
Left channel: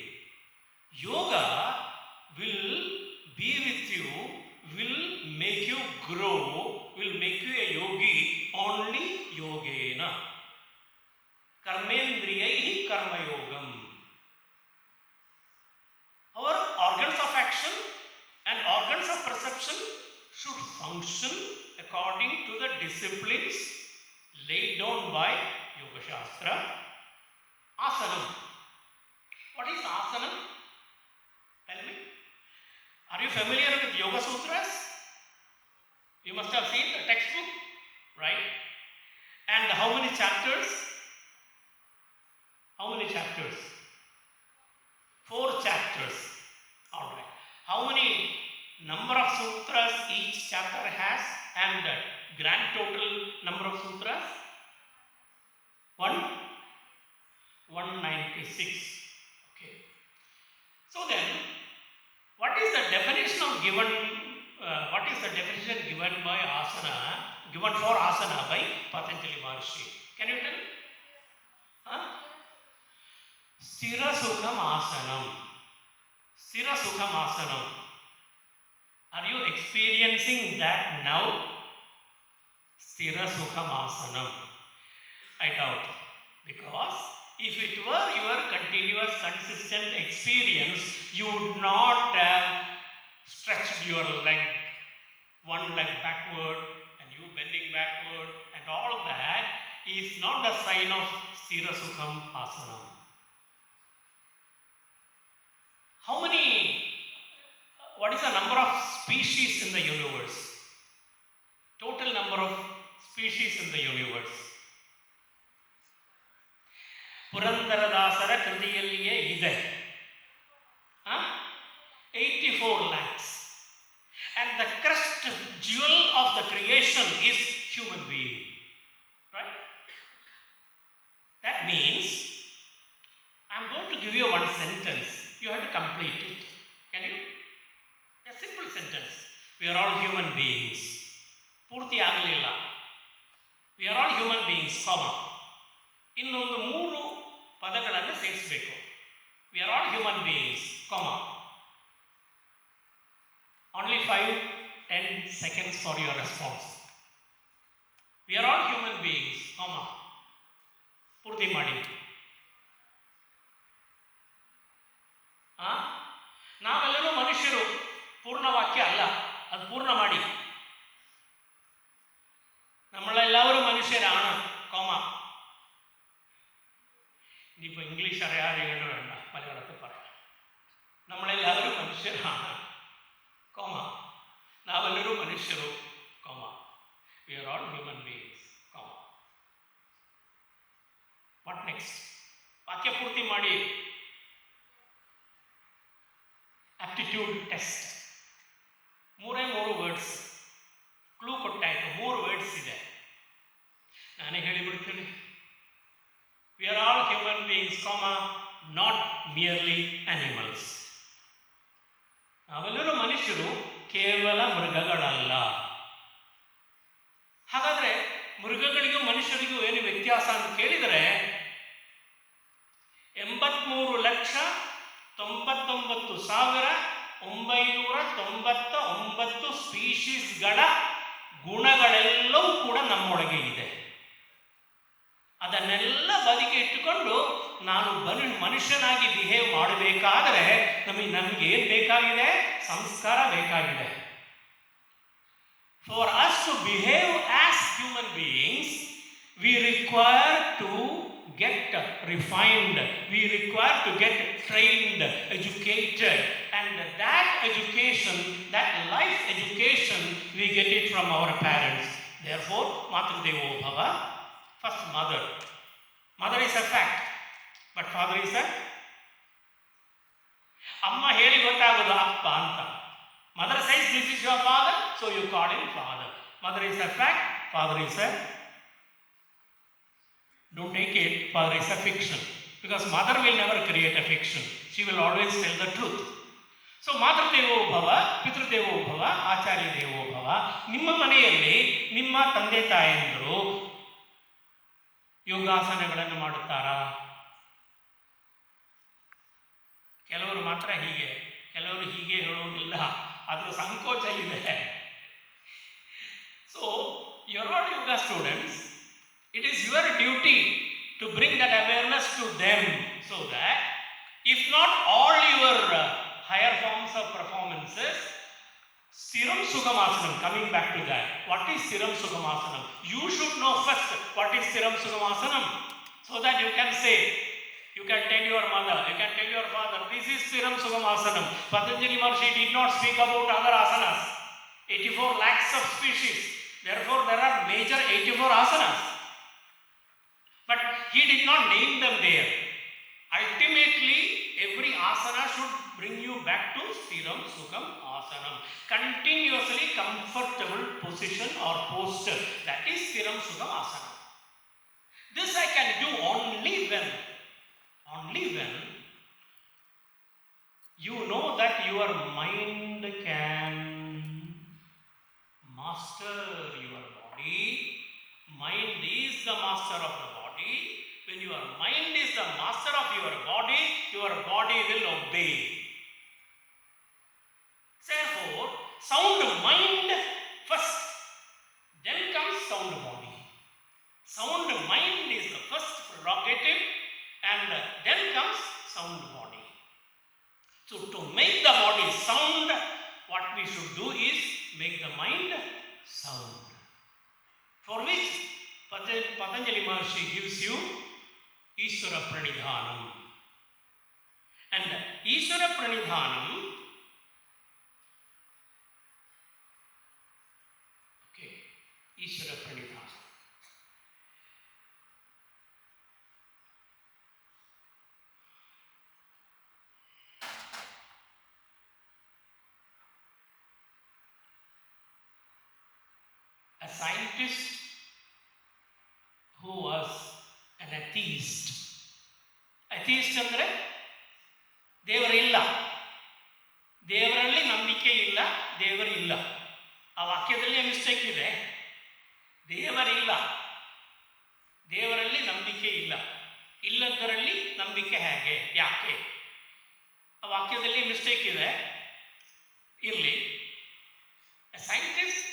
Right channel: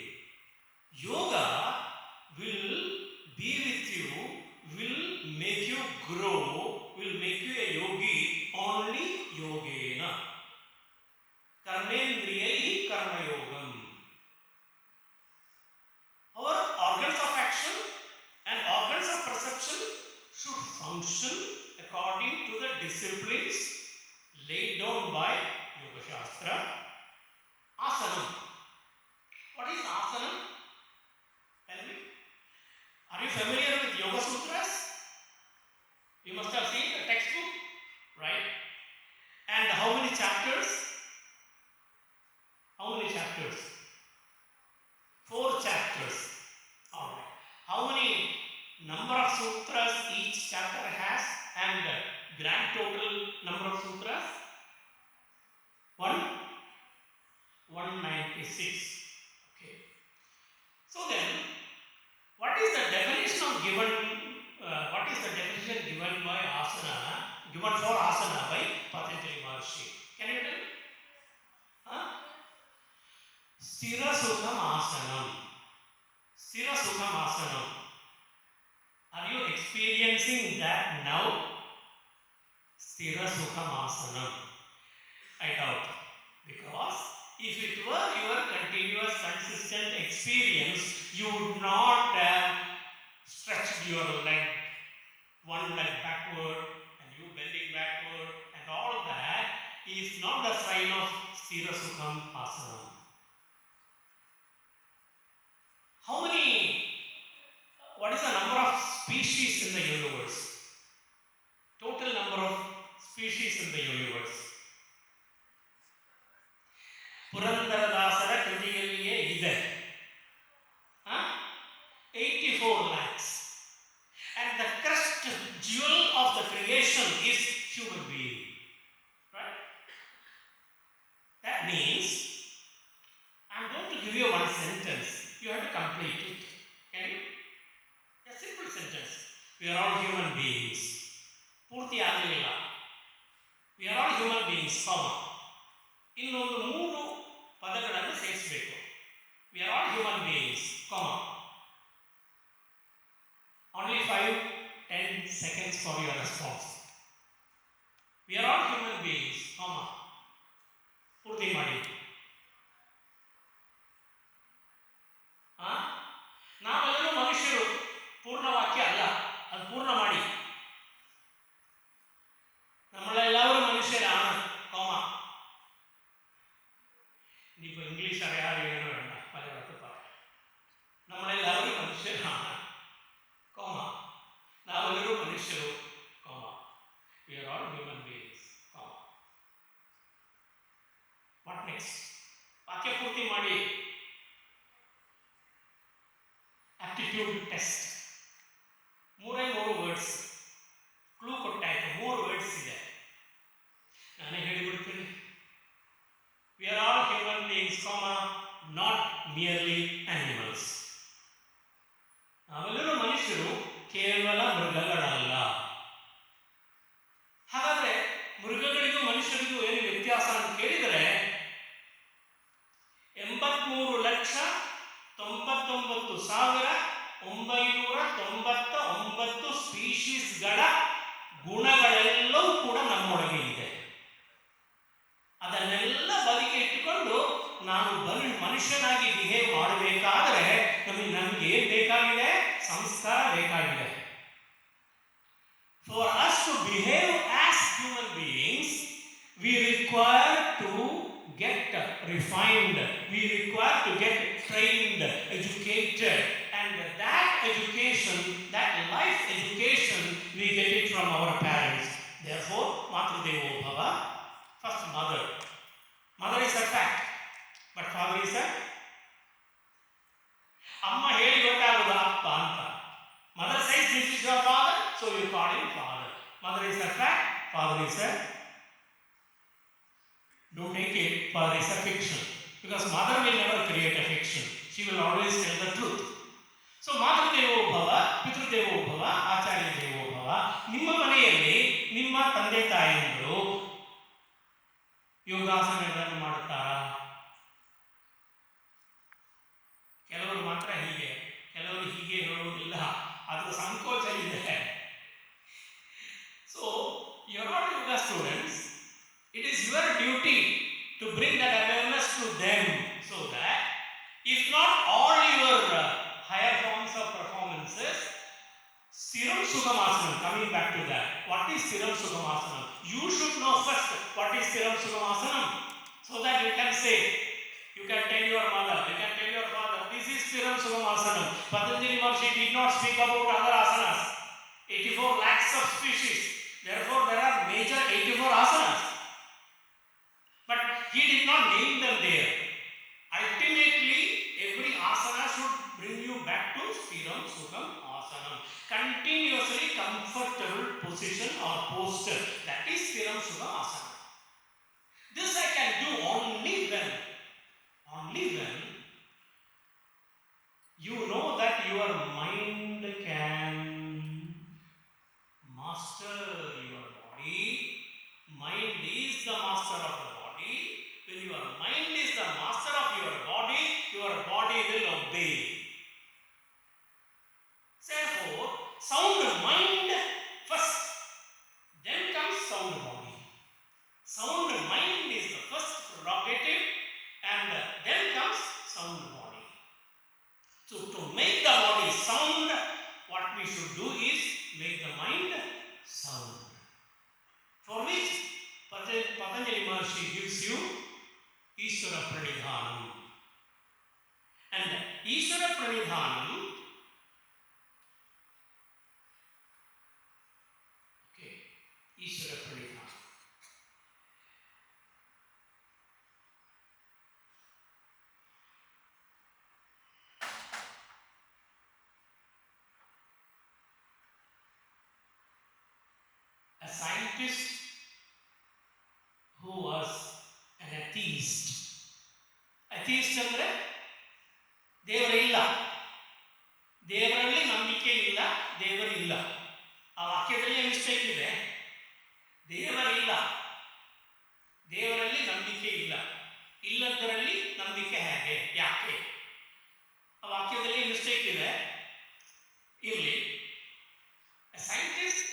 Yoga will be with you, will make you grow, will make you a yogi only yogena. Karmendriyaihi karma yogam. Our organs of action and organs of perception should function according to the disciplines laid down by Yoga Shastra. Asanam. What is asanam? Tell me. Are you familiar with Yoga Sutras? You must have seen the textbook, right? And how many chapters? How many chapters? 4 chapters. Alright. How many number of sutras each chapter has and grand total number of sutras? 196. Okay. So then, what is the definition given by asana, given for asana by Patanjali Maharshi? Can you tell me? Huh? Sthira Sukham Asanam. Sthira Sukham Asanam. Are you experiencing that now? Sthira Sukham Asanam. I doubt. Because if it were your continuous, consistent experience, you would not have stretched your leg, one leg backward, and you bending backward, and and all that is not the sign of Stira Sukham Asanam. How many, what is the number of species in the universe? Total number of species in the universe. ಪುರಂದರದಾಸರ ಕೃತಿಯಲ್ಲಿಯೇ ಇದೆ 84 lakhs. And the crest jewel of the creation is human being. Right? That means, I'm going to give you one sentence. You have to complete it. Can you? A simple sentence. We are all human beings. Purti agalilla. We are all human beings, comma. ಇನ್ನೊಂದು 3 ಪದಗಳನ್ನು ಸೇರಿಸಬೇಕು. We are all human beings, comma. Only 5-10 seconds for your response. We are all human beings, comma. ಪೂರ್ತಿ ಮಾಡಿ. ನಾವೆಲ್ಲರೂ ಮನುಷ್ಯರು, ಪೂರ್ಣ ವಾಕ್ಯ ಅಲ್ಲ, ಅದು ಪೂರ್ಣ ಮಾಡಿ. നമ്മളെല്ലാവരും മനുഷ്യരാണ്, കോമ. ഇനിയിപ്പോൾ ഇംഗ്ലീഷ് അറിയാതെയാണ് വേണ്ട, മലയാളത്തിൽ പറയാം. നമ്മളെല്ലാവരും മനുഷ്യരാണ്, കോമ. നാവെല്ലാവരും മനുഷ്യರು, comma. We are all human beings, comma. What next? ವಾಕ್ಯ ಪೂರ್ತಿ ಮಾಡಿ. Aptitude test. 3 ವರ್ಡ್ಸ್. ಕ್ಲೂ ಕೊಟ್ಟಾಯ್ತು, 3 ವರ್ಡ್ಸ್ ಇದೆ. ನಾನೇ ಹೇಳಿಬಿಡ್ತೀನಿ. We are all human beings, comma, not merely animals. ನಾವೆಲ್ಲರೂ ಮನುಷ್ಯರು, ಕೇವಲ ಮೃಗಗಳಲ್ಲ. ಹಾಗಾದ್ರೆ ಮೃಗಗಳಿಗೂ ಮನುಷ್ಯರಿಗೂ ಏನು ವ್ಯತ್ಯಾಸ ಅಂತ ಕೇಳಿದರೆ 83,99,999 ಸ್ಪೀಶೀಸ್ಗಳ ಗುಣಗಳೆಲ್ಲವೂ ಕೂಡ ನಮ್ಮೊಳಗೆ ಇದೆ. ಅದನ್ನೆಲ್ಲ ಬದಿಗೆ ಇಟ್ಟುಕೊಂಡು ನಾನು ಮನುಷ್ಯನಾಗಿ ಬಿಹೇವ್ ಮಾಡಬೇಕಾದರೆ ನಮಗೆ ಏನು ಬೇಕಾಗಿದೆ? ಸಂಸ್ಕಾರ ಬೇಕಾಗಿದೆ. For us to behave as human beings, we require to get refined, we require to get trained, educated, and that education, that life education, we get it from our parents. Therefore, Matrudevo Bhava, first mother. Mother is a fact, but father is a... Amma heli gottagodu appa anta. Mother says this is your father, so you call him father. Mother is a fact, father is a... Don't take it, father is a fiction. Because mother will never create a fiction. She will always tell the truth. So, Matrudevo Bhava, Pitrudevo Bhava, Acharya Devo Bhava. Nimma maneyalli, nimma ತಂದೆ ತಾಯಂದಿರು ಯೋಗಾಸನಗಳನ್ನು ಮಾಡುತ್ತಾರಾ? ಕೆಲವರು ಮಾತ್ರ ಹೀಗೆ, ಕೆಲವರು ಹೀಗೆ ಹೇಳೋದಿಲ್ಲ. ಅದರ ಸಂಕೋಚ ಇದೆ. So, you're all yoga students. It is your duty to bring that awareness to them so that if not all your higher forms of performances, Siram Sukhamasana, coming back to that, what is Siram Sukhamasana? You should know first what is Siram Sukhamasana so that you can say, you can tell your mother, you can tell your father, this is Siram Sukhamasana. Patanjali Maharshi did not speak about other asanas. 84 lakhs of species. Therefore, there are major 84 asanas. But he did not name them there. Ultimately, every asana should bring you back to Sthiram Sukham Asanam. Continuously comfortable position or posture. That is Sthiram Sukham Asanam. This I can do only when you know that your mind can master your body. Mind is the master of the body. When your mind is the master of your body will obey. Therefore, sound mind first, then comes sound body. Sound mind is the first prerogative, and then comes sound body. So, to make the body sound, what we should do is make the mind sound. For which Patanjali Maharshi gives you Ishvara Pranidhanam. And Ishvara Pranidhanam, okay, Ishvara Pranidhanam. A scientist who was an atheist. Atheist ಅಂದರೆ ದೇವರಿಲ್ಲ, ದೇವರಲ್ಲಿ ನಂಬಿಕೆ ಇಲ್ಲ, ದೇವರಿಲ್ಲ. ಆ ವಾಕ್ಯದಲ್ಲಿ mistake ಇದೆ. ದೇವರಿಲ್ಲ, ದೇವರಲ್ಲಿ ನಂಬಿಕೆ ಇಲ್ಲ, ಇಲ್ಲದರಲ್ಲಿ ನಂಬಿಕೆ ಹೇಗೆ, ಯಾಕೆ? ಆ ವಾಕ್ಯದಲ್ಲಿ ಮಿಸ್ಟೇಕ್ ಇದೆ, ಇರಲಿ. A scientist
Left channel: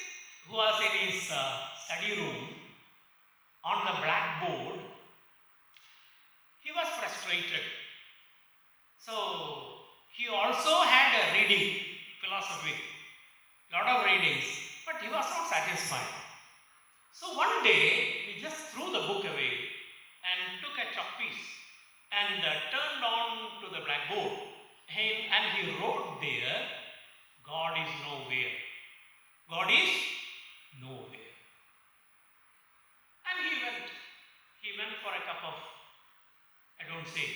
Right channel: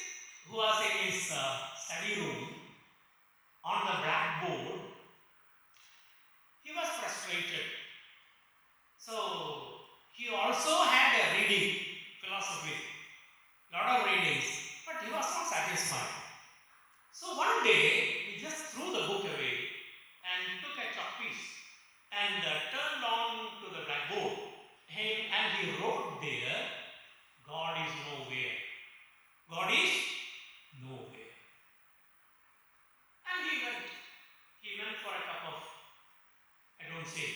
who was in his study room on the blackboard, he was frustrated. So he also had a reading philosophy, lot of readings, but he was not satisfied. So one day he just threw the book away and took a chalk piece and turned on to the blackboard, and he wrote there, God is nowhere. God is nowhere. And he went for a cup of, I don't say,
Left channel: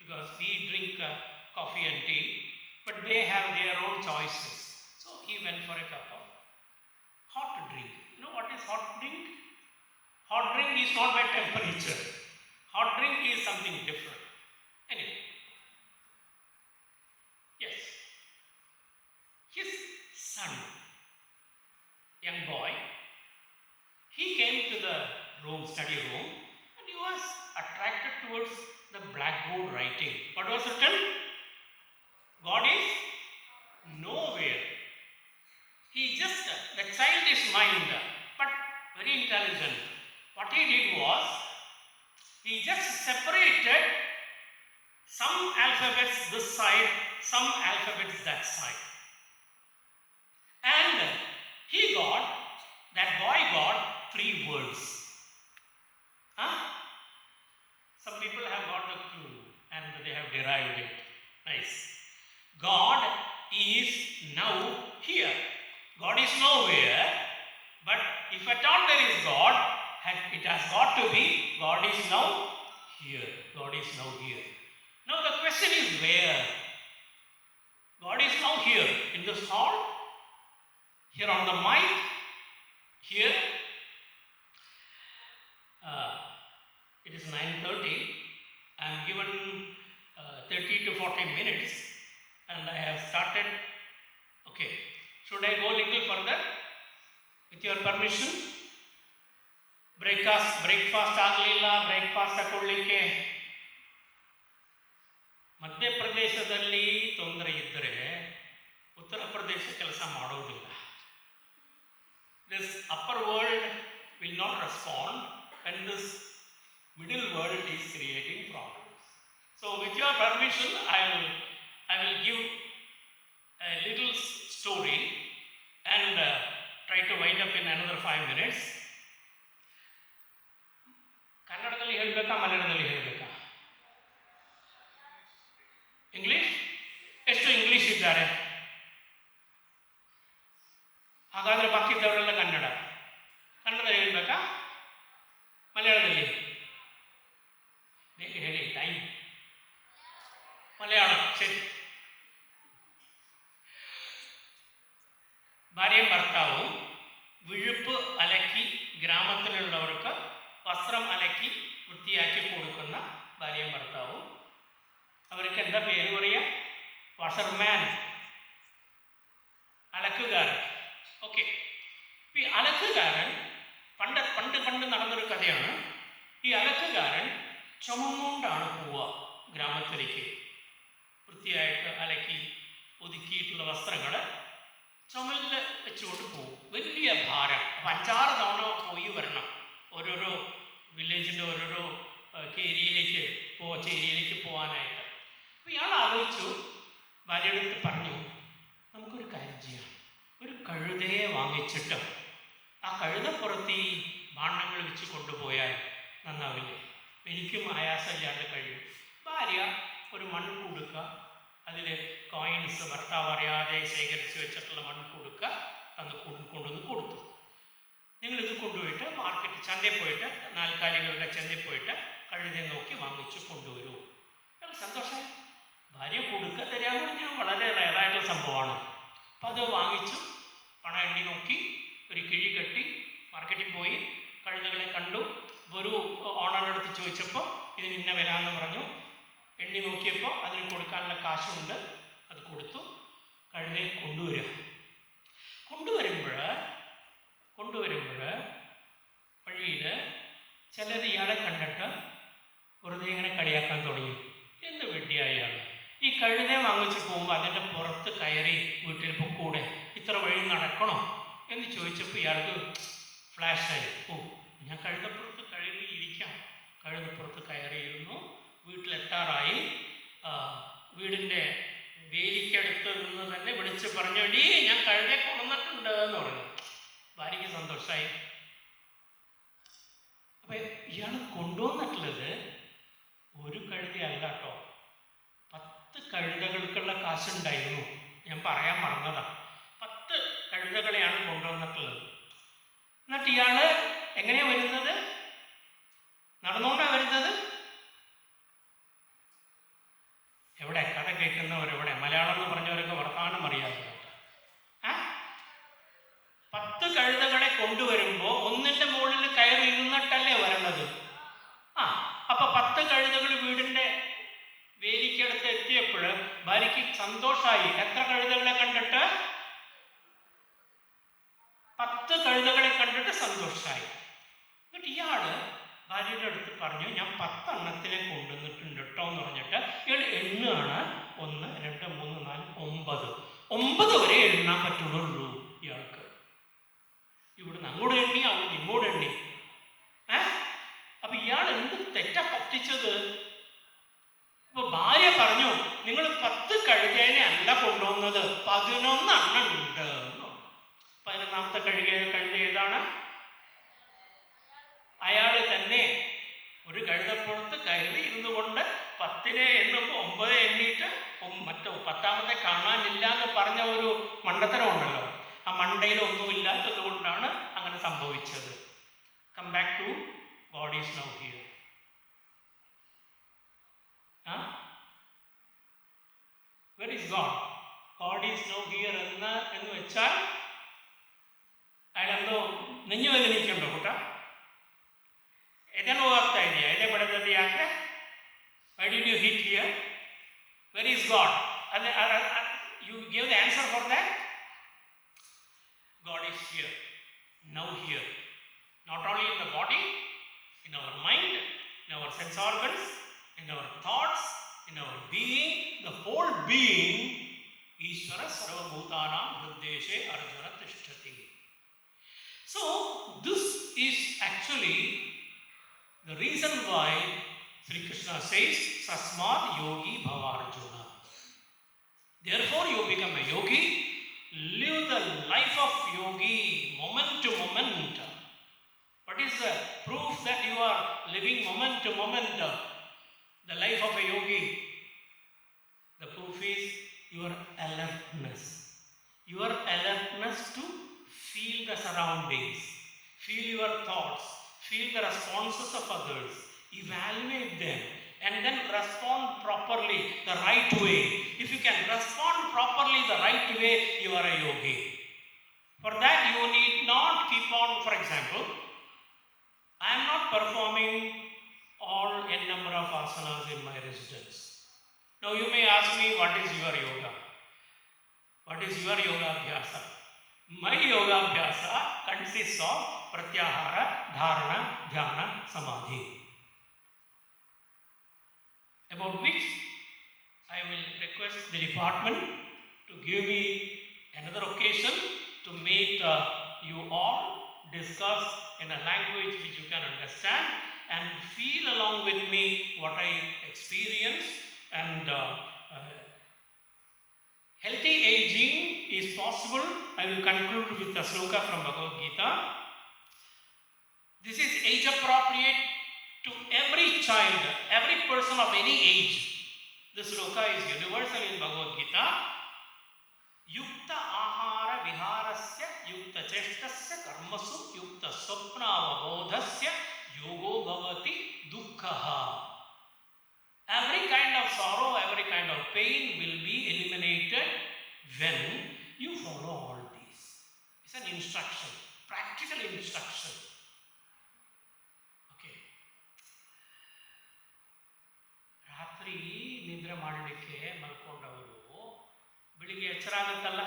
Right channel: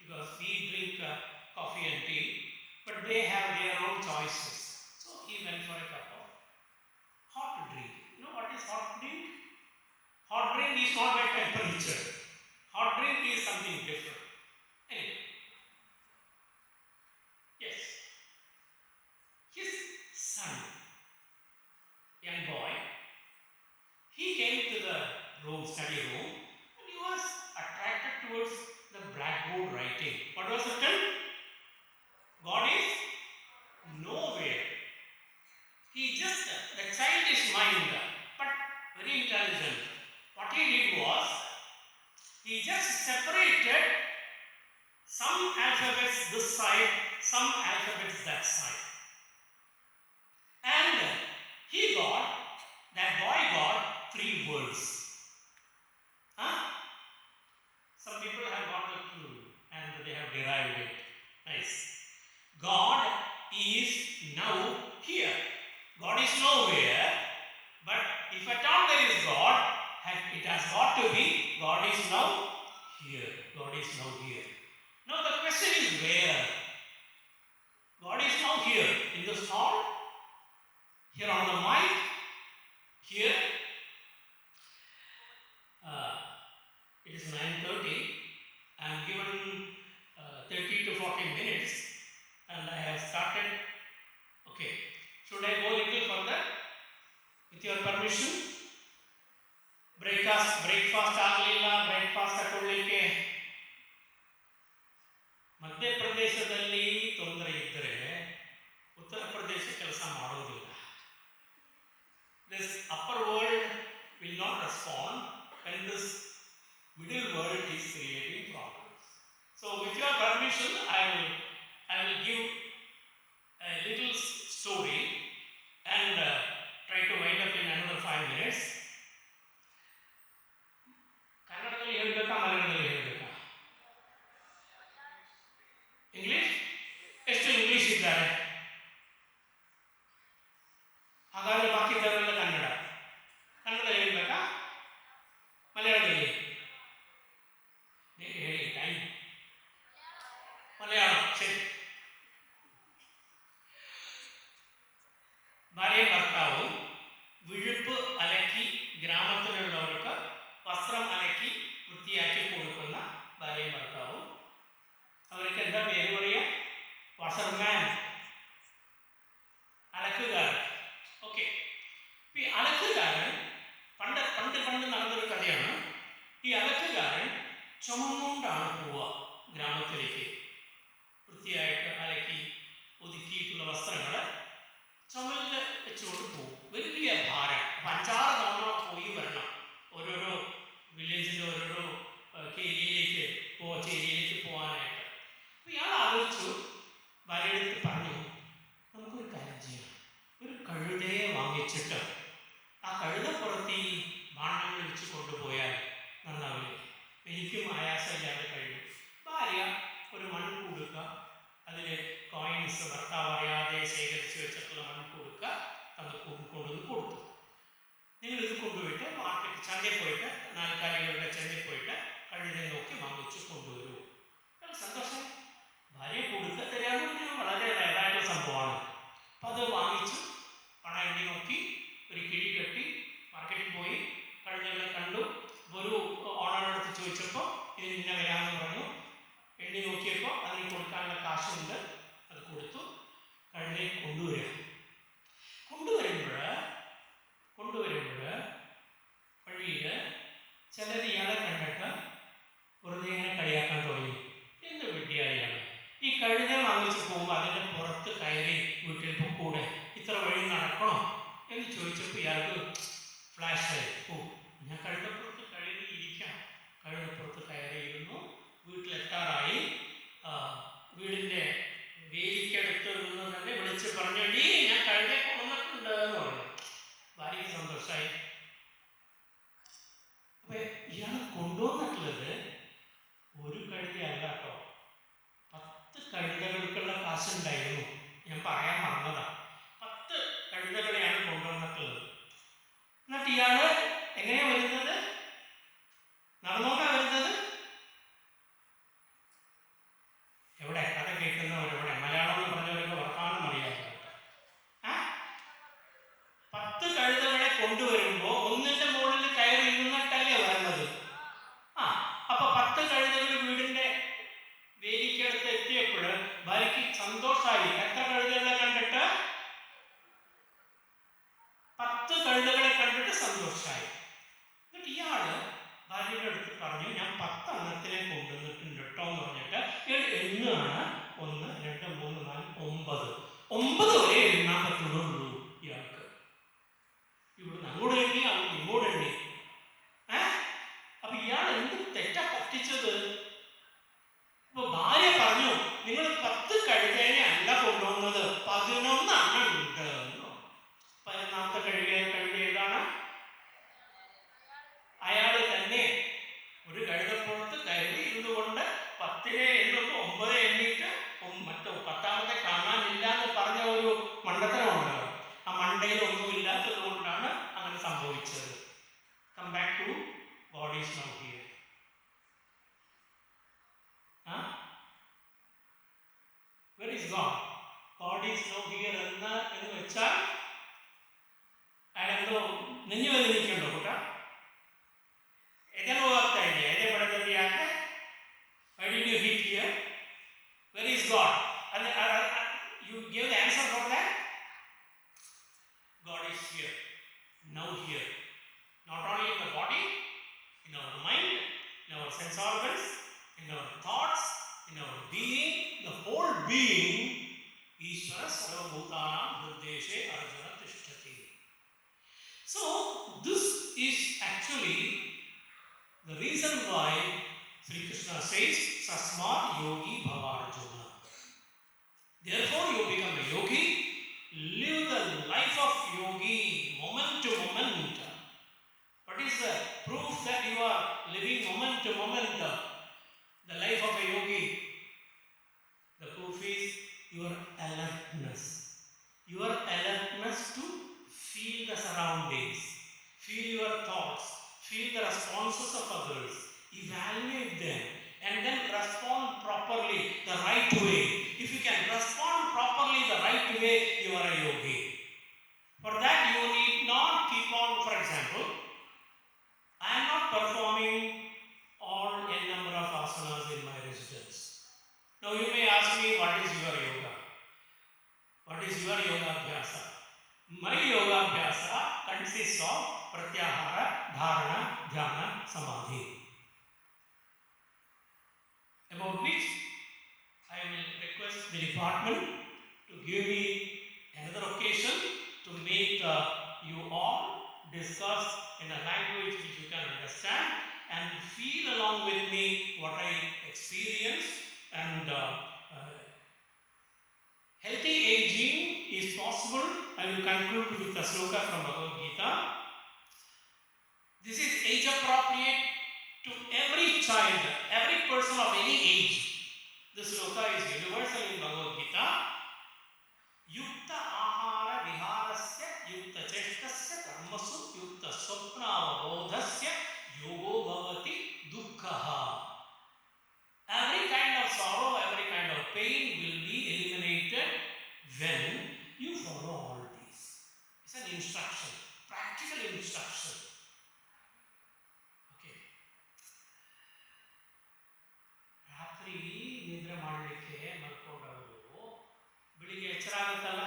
because we drink coffee and tea, but they have their own choices. So he went for a cup of hot drink. You know what is hot drink? Hot drink is not by temperature. Hot drink is something different. Anyway, yes, his son, young boy, he came to the room, study room, and he was attracted towards the blackboard writing. What was written? God is nowhere. He just, the child is mind, but very intelligent. What he did was, he just separated some alphabets this side, some alphabets that side. And that boy got 3 words. Huh? Some people have got the clue and they have derived it. Nice. God is now here. God is nowhere, but if at all there is God, it has got to be God is now here. God is now here. Now the question is where? God is now here in this hall, here on the mic, here. It is 9:30. I am given 30 to 40 minutes and I have started. Okay, should I go a little further? With your permission? Breakfast ಆಗಲಿಲ್ಲ, breakfast ತಗೊಳ್ಳಿಕ್ಕೆ ಮಧ್ಯಪ್ರದೇಶದಲ್ಲಿ ತೊಂದರೆ ಇದ್ದರೆ ಉತ್ತರ ಪ್ರದೇಶ ಕೆಲಸ ಮಾಡೋದಿಲ್ಲ. This upper world will not respond when this middle world is creating problems. So with your permission, I will give a little story and try to wind up in another 5 minutes. ಕನ್ನಡದಲ್ಲಿ ಹೇಳಬೇಕಾ, ಮಲಯಾಳದಲ್ಲಿ ಹೇಳಬೇಕಾ? English? ಎಷ್ಟು English ಇದ್ದಾರೆ? ಹಾಗಾದ್ರೆ ಬಾಕಿದ್ದವರೆಲ್ಲ ಕನ್ನಡ. ಕನ್ನಡದಲ್ಲಿ ಹೇಳಬೇಕಾ, ಮಲಯಾಳದಲ್ಲಿ? ಬೇಗ ಹೇಳಿ, time. Malayalam ശരി. ഭാര്യയും ഭർത്താവും വിഴുപ്പ് അലക്കി ഗ്രാമത്തിലുള്ളവർക്ക് വസ്ത്രം അലക്കി വൃത്തിയാക്കി കൊടുക്കുന്ന ഭാര്യയും ഭർത്താവും. അവർക്ക് എന്താ പേര് പറയുക? വാഷർമാൻ, അലക്കുകാരൻ. ഓക്കെ, ഈ അലക്കുകാരൻ പണ്ട് പണ്ട് പണ്ട് നടന്നൊരു കഥയാണ്. ഈ അലക്കുകാരൻ ചുമന്നുകൊണ്ടാണ് പോവുക ഗ്രാമത്തിലേക്ക്. വൃത്തിയായിട്ട് അലക്കി ഒതുക്കിയിട്ടുള്ള വസ്ത്രങ്ങൾ ചുമലിൽ വെച്ചുകൊണ്ട് പോകും. വലിയ ഭാരം. അപ്പം 5-6 തവണ പോയി വരണം. ഓരോരോ വില്ലേജിൻ്റെ ഓരോരോ ചേരിയിലേക്ക് പോകാനായിട്ട്. അപ്പോൾ ഇയാൾ ആലോചിച്ചു, ഭാര്യയുടെ അടുത്ത് പറഞ്ഞു, നമുക്കൊരു കാര്യം ചെയ്യാം, ഒരു കഴുതയെ വാങ്ങിച്ചിട്ട് ആ കഴുതപ്പുറത്ത് ഈ ഭാണ്ഡങ്ങൾ വെച്ച് കൊണ്ടുപോയാൽ നന്നാവില്ലേ? എനിക്കും ആയാസമില്ലാതെ കഴിയും. ഭാര്യ ഒരു മൺകുടുക്ക, അതിൽ കോയിൻസ് ഭർത്താവ് അറിയാതെ ശേഖരിച്ച് വെച്ചിട്ടുള്ള മൺകുടുക്ക തന്ന് കൊണ്ടുവന്ന് കൊടുത്തു. നിങ്ങളിത് കൊണ്ടുപോയിട്ട് മാർക്കറ്റ് ചന്തയിൽ പോയിട്ട്, നാൽക്കാലികളുടെ ചന്തയിൽ പോയിട്ട് കഴുതെ നോക്കി വാങ്ങിച്ചു കൊണ്ടുവരൂ. അയാൾ സന്തോഷമായി. ഭാര്യ കൊടുക്ക തരാമെന്ന് പറഞ്ഞാൽ വളരെ റയറായിട്ടുള്ള സംഭവമാണ്. അപ്പം അത് വാങ്ങിച്ചു, പണം എണ്ണി നോക്കി, ഒരു കിഴി കെട്ടി മാർക്കറ്റിൽ പോയി കഴുതകളെ കണ്ടു. ഒരു ഓണറെടുത്ത് ചോദിച്ചപ്പോൾ ഇതിന് ഇന്ന വരാമെന്ന് പറഞ്ഞു. എണ്ണി നോക്കിയപ്പോൾ അതിന് കൊടുക്കാനുള്ള കാശുണ്ട്, അത് കൊടുത്തു. കഴുതയെ കൊണ്ടുവരുമ്പോൾ വഴിയിൽ ചിലർ ഇയാളെ കണ്ടിട്ട് വെറുതെ ഇങ്ങനെ കളിയാക്കാൻ തുടങ്ങി. എന്ത് വെട്ടിയായാൽ ഈ കഴുതയെ വാങ്ങിച്ചു പോകുമ്പോൾ അതിൻ്റെ പുറത്ത് കയറി വീട്ടിൽ പൊക്കൂടെ, ഇത്ര വഴി നടക്കണോ എന്ന് ചോദിച്ചപ്പോൾ ഇയാൾക്ക് ഫ്ലാഷായി. ഞാൻ കഴുതപ്പുറത്ത് ഇരിക്കാം. കഴുതപ്പുറത്ത് കയറിയിരുന്നു. വീട്ടിലെത്താറായി. വീടിൻ്റെ വേലിക്കടുത്ത് നിന്ന് തന്നെ വിളിച്ച് പറഞ്ഞോടി ഞാൻ കഴുതയെ കൊണ്ടുവന്നിട്ടുണ്ട് എന്ന് പറഞ്ഞു. ഭാര്യയ്ക്ക് സന്തോഷമായി. അപ്പം ഇയാൾ കൊണ്ടുവന്നിട്ടുള്ളത് ഒരു കഴുതയല്ല കേട്ടോ, 10 കഴുതകൾക്കുള്ള കാശുണ്ടായിരുന്നു. ഞാൻ പറയാൻ മറന്നതാണ്. 10 കഴുതകളെയാണ് കൊണ്ടുവന്നിട്ടുള്ളത്. എന്നിട്ട് ഇയാൾ എങ്ങനെയാണ് വരുന്നത്? നടന്നുകൊണ്ടാണ് വരുന്നത്. എവിടെ കഥ കേൾക്കുന്നവരെവിടെ? മലയാളം എന്ന് പറഞ്ഞവരൊക്കെ വർത്തമാനം അറിയാതെ 10 കഴുതകളെ കൊണ്ടുവരുമ്പോൾ ഒന്നിൻ്റെ മുകളിൽ കയറി ഇരുന്നിട്ടല്ലേ വരണത്. അപ്പൊ 10 കഴുതകൾ വീടിൻ്റെ വേലിക്കടുത്ത് എത്തിയപ്പോൾ ഭാര്യയ്ക്ക് സന്തോഷമായി. എത്ര കഴുതകളെ കണ്ടിട്ട്? 10 കഴുതകളെ കണ്ടിട്ട് സന്തോഷമായി. എന്നിട്ട് ഇയാള് ഭാര്യയുടെ അടുത്ത് പറഞ്ഞു, ഞാൻ 10 എണ്ണത്തിനെ കൊണ്ടുവന്നിട്ടുണ്ട് കേട്ടോ എന്ന് പറഞ്ഞിട്ട് ഇയാൾ എണ്ണുകയാണ്. 1, 2, 3, 4, 9 വരെ എണ്ണാൻ പറ്റുള്ളൂ ഇയാൾക്ക്. ഇവിടുന്ന് അങ്ങോട്ട് എണ്ണി, അവിടുന്ന് ഇങ്ങോട്ട് എണ്ണി. അപ്പൊ ഇയാൾ എന്ത് തെറ്റാ പറ്റിച്ചത്? ഇപ്പൊ ഭാര്യ പറഞ്ഞു, നിങ്ങൾ 10 കഴുകേനെ അല്ല കൊണ്ടുവന്നത്, 11 എണ്ണം ഉണ്ട്. 11ാമത്തെ കഴുത ഏതാണ്? അയാൾ തന്നെ ഒരു കഴുതപ്പുറത്ത് കയറി ഇരുന്നു കൊണ്ട് 10നെ എണ്ണുമ്പോൾ 9 എണ്ണിയിട്ട് മറ്റോ 10ാമത്തെ കാണാനില്ല എന്ന് പറഞ്ഞ ഒരു മണ്ടത്തരം ഉണ്ടല്ലോ. ആ മണ്ടയിൽ ഒന്നുമില്ലാത്തത് കൊണ്ടാണ് അങ്ങനെ സംഭവിച്ചത്. Come back to God is now here. Where is God? God is now here എന്ന് വെച്ചാൽ അയാളെന്തോ നെഞ്ഞു വേദനിക്കുണ്ടോ കൂട്ട? ഏതാണ് ಹೋಗ್ತಾ ಇದೆಯಾ? ಎದೆ ಬಡದದ್ದು ಯಾಕೆ? Why did you hit here? Where is God? You give the answer for that? God is here, now here. Not only in the body, in our mind, in our sense organs, in our thoughts, in our being, the whole being. Ishvara sarvabhutanam hrideshe arjuna tishtati. So this is actually the reason why Sri Krishna says Sasmat yogi bhava Arjuna. Therefore you become a yogi. Live the life of yogi moment to moment. What is the proof that you are living moment to moment the life of a yogi? The proof is your alertness. Your alertness to feel the surroundings, feel your thoughts, feel the responses of others, evaluate them, and then respond properly the right way. If you can respond properly the right way, you are a yogi. For that you need not keep on, for example, I am not performing all n number of asanas in my residence. Now you may ask me, what is your yoga? What is your yoga abhyasa? My yoga abhyasa consists of pratyahara, dharana, dhyana, samadhi. About which I will request the department to give me another occasion to make you all discuss in a language which you can understand and feel along with me what I experience. And healthy aging is possible. I will conclude with a sloka from Bhagavad Gita. This is age appropriate to every child, every person of any age. This sloka is universal in Bhagavad Gita. Yukta ahara viharasya yukta cheshtasya karmasu yukta swapna avabodhasya yogo bhavati dukkhaha. Every kind of sorrow, every kind of pain will be eliminated when you follow all these. It's an instruction, practical instruction. Okay. ರಾತ್ರಿ ನಿದ್ರೆ ಮಾಡಲಿಕ್ಕೆ ಮಲ್ಕೊಂಡವರು ಬೆಳಿಗ್ಗೆ ಎಚ್ಚರ ಆಗುತ್ತಲ್ಲ.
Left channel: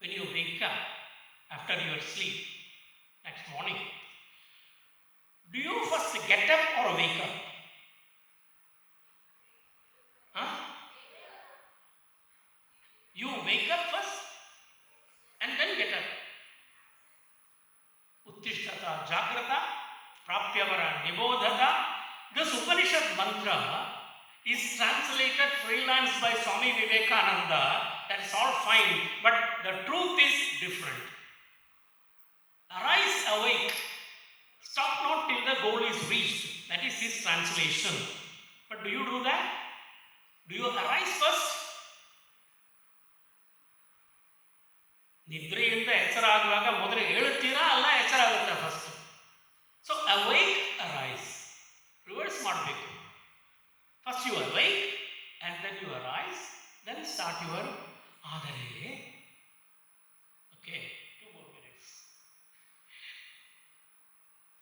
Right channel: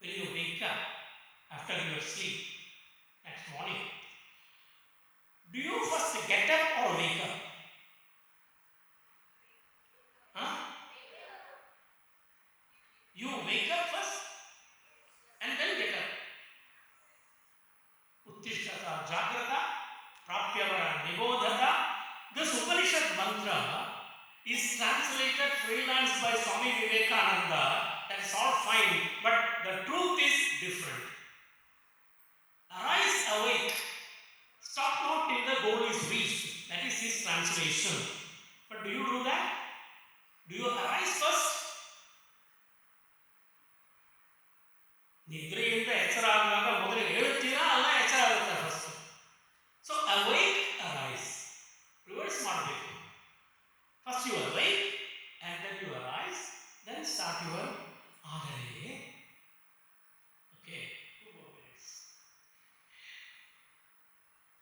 When you wake up after your sleep next morning, do you first get up or wake up? Huh? You wake up first and then get up. Uttishtata jagrata prapyavara nibodhata. This Upanishad mantra is translated freelance by Swami Vivekananda. That's all fine, but the truth is different. Arise, awake. Stop not till the goal is reached. That is his translation. But do you do that? Do you arise first? ನಿದ್ರೆಯಿಂದ ಎಚ್ಚರ ಆಗುವಾಗ ಮೊದಲು ಹೇಳುತ್ತೀರಾ ಅಲ್ಲ ಎಚ್ಚರ ಆಗುತ್ತೆ first. So awake, arise. Reverse ಮಾಡಬೇಕು. First you awake and then you arise, then start your ಆದರೆ. Okay, 2 more minutes.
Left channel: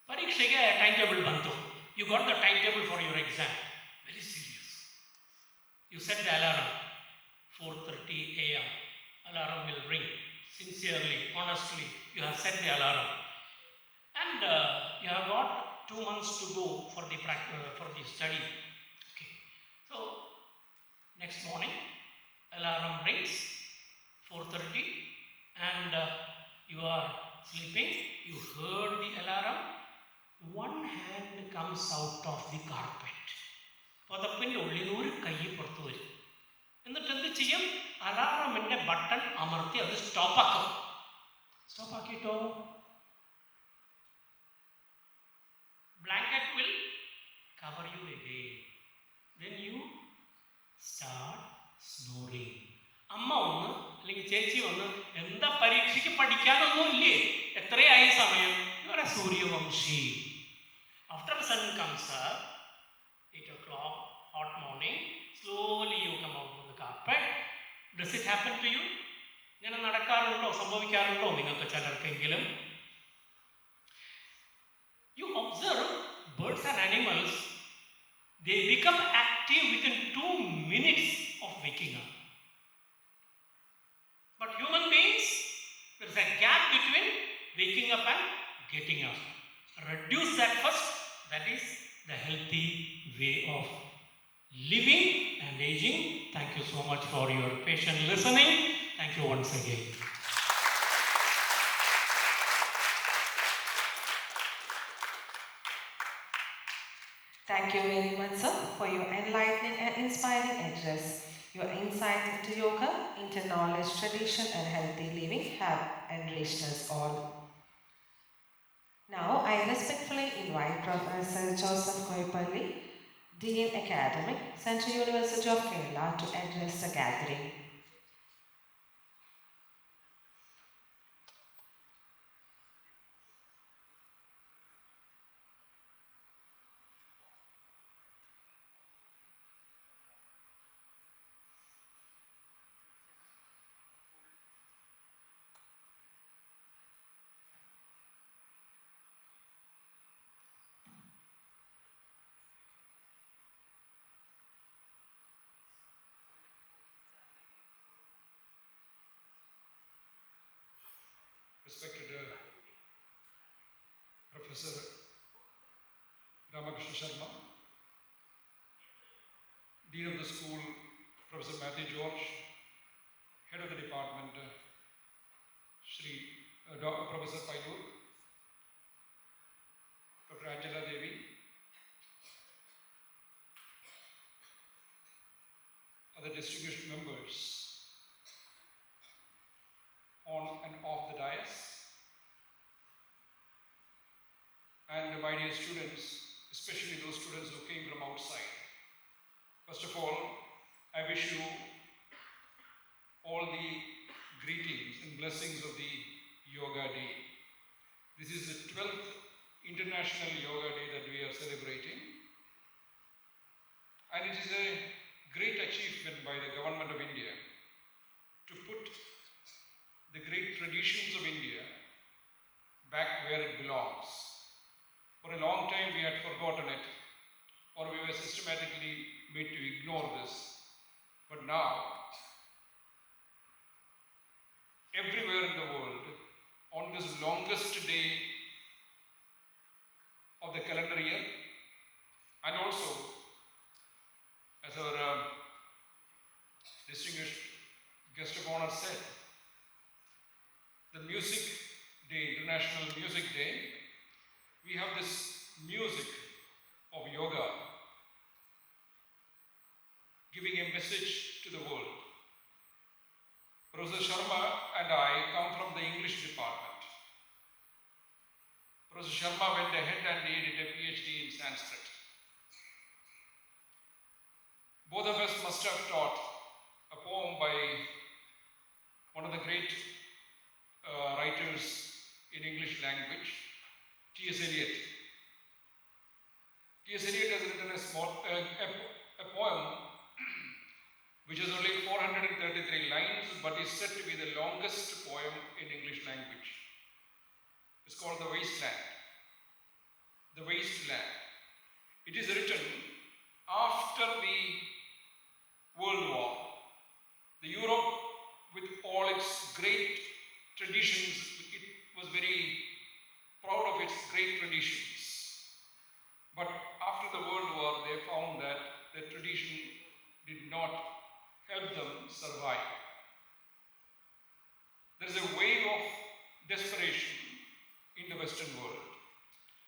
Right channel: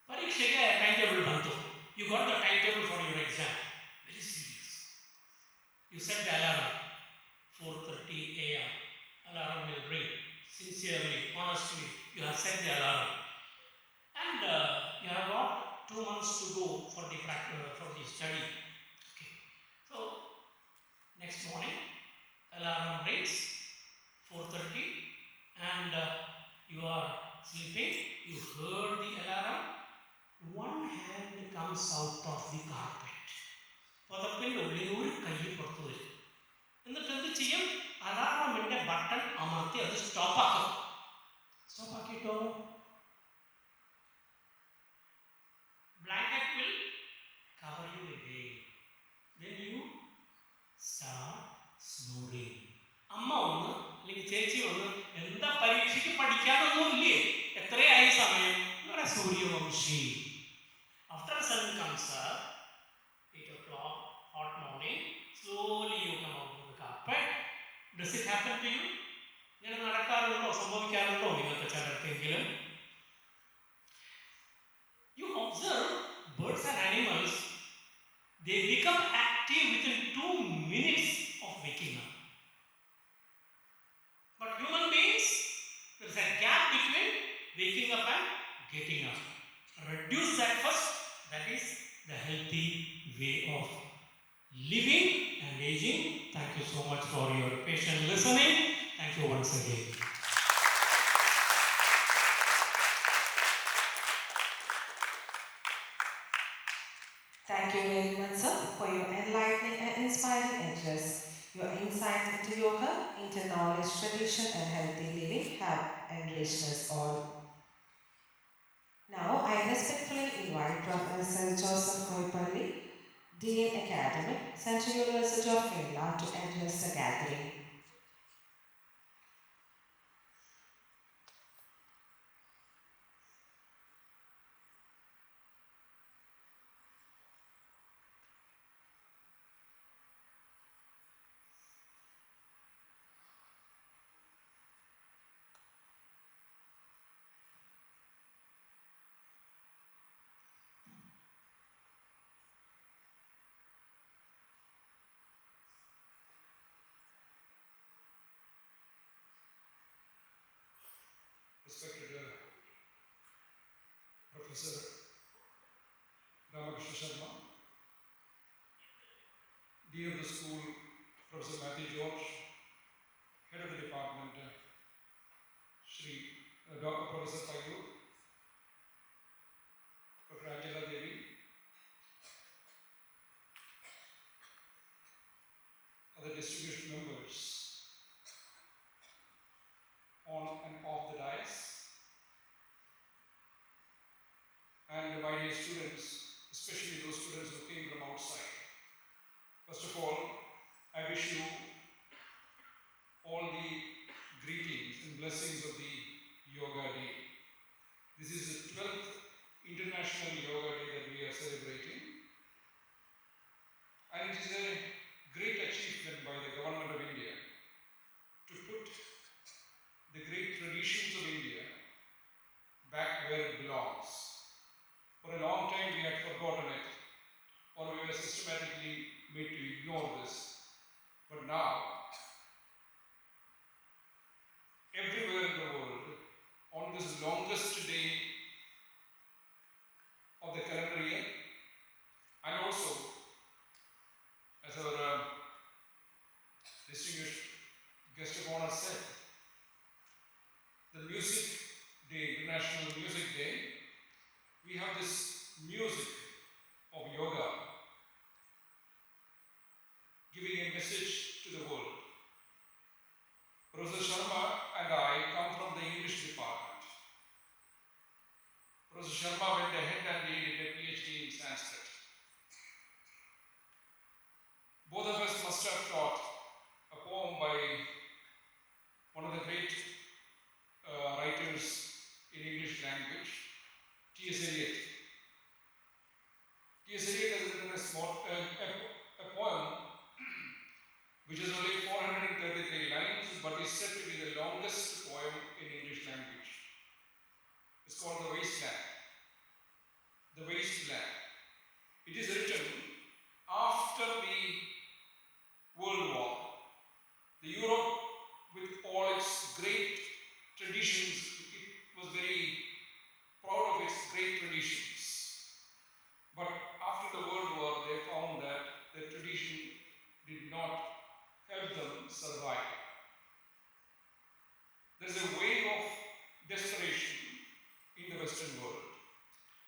ಪರೀಕ್ಷೆಗೆ ಟೈಮ್ ಟೇಬಲ್ ಬಂತು. You got the time table for your exam. Very serious. You set the alarm, 4:30 a.m. Alarm will ring. Sincerely, honestly, you have set the alarm. And you have got 2 months to go for the study. Okay. So, next morning, alarm rings, 4:30, and you are sleeping. You heard the alarm. One hand comes out of the carpet. പുതപ്പിൻ്റെ ഉള്ളിലൂടെ കൈ പുറത്തു വരും. എന്നിട്ട് എന്ത് ചെയ്യും? അലാറമിൻ്റെ button അമർത്തി അത് സ്റ്റോപ്പാക്കും. സ്റ്റോപ്പാക്കിയിട്ടോ blanket will cover you again. Then you start snoring. അമ്മ ഒന്ന് അല്ലെങ്കിൽ ചേച്ചി ഒന്ന്, എന്താ പരീക്ഷയ്ക്ക് പഠിക്കാനൊന്നും ഇല്ലേ? എത്രയായി സമയം? ഇവരെ Suryavanshi. After the sun comes up, 8 o'clock, hot morning, slowly you come out of the carpet. Does it happen to you? ഇങ്ങനെ നടക്കാറുണ്ടോ, സംഭവിക്കാറുണ്ടോ നിങ്ങൾക്ക് ചിലർക്കെങ്കിലും? You observe birds and animals, they become active within 2 minutes of waking up. But human beings, there is a gap between waking up and getting up. Reduce that first. That is the healthy way of living and aging. Thank you so much for your patient listening. Thank you once again. Thank you very much, sir, for your enlightening and inspiring address. Your insights into yoga, into knowledge, tradition, and healthy living have enriched us all. Now, I respectfully invite Professor Joseph Koyippally, Dean Academic, Central University of Kerala, to address the gathering. Respected Professor Ramakrishna Sharma, Dean of the School, Professor Matthew George, Head of the Department, Professor Payur, Dr. Angela Devi, other distinguished members on and off the dais, and my dear students, especially those students who came from outside. First of all, I wish you all the greetings and blessings of the Yoga Day. This is the 12th International Yoga Day that we are celebrating, and it is a great achievement by the Government of India to put the great traditions of India back where it belongs. For a long time we had forgotten it, or we were systematically made to ignore this. But now, everywhere in the world, on this longest day of the calendar year, and also, as our distinguished guest of honor said, the Music Day, International Music Day, we have this music of yoga giving a message to the world. Professor Sharma and I come from the English department. Professor Sharma went ahead and did a PhD in Sanskrit. Both of us must have taught a poem by one of the great writers in English language, T.S. Eliot. T.S. Eliot has written a poem which is only 433 lines, but is said to be the longest poem in English language. It's called The Wasteland. The Wasteland. It is written after the World War. The Europe, with all its great traditions, it was very proud of its great traditions. But after the World War, they found that the tradition did not help them survive. There is a wave of desperation in the Western world.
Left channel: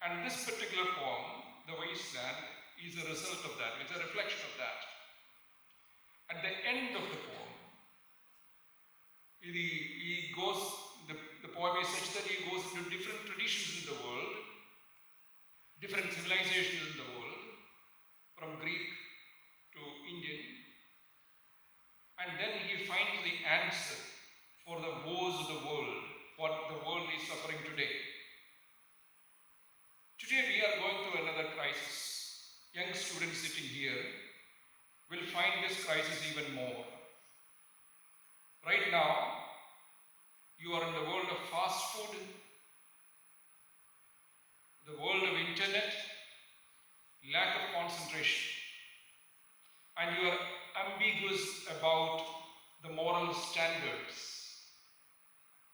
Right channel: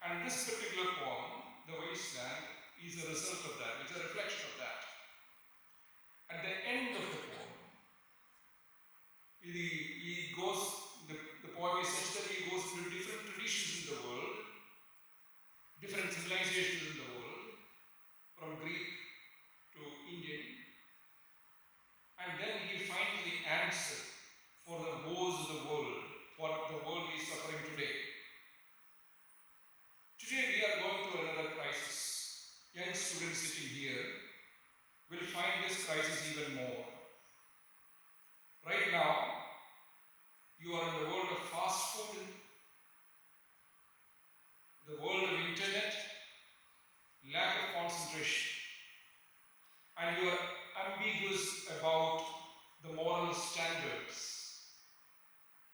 And this particular poem, The Wasteland, is a result of that. It's a reflection of that. At the end of the poem, the poem is such that he goes into different traditions in the world, different civilizations in the world, from Greek to Indian, and then he finds the answer for the woes of the world, what the world is suffering today. Today we are going through another crisis. Young students sitting here will find this crisis even more. Right now, you are in the world of fast food, the world of internet, lack of concentration, and you are ambiguous about the moral standards.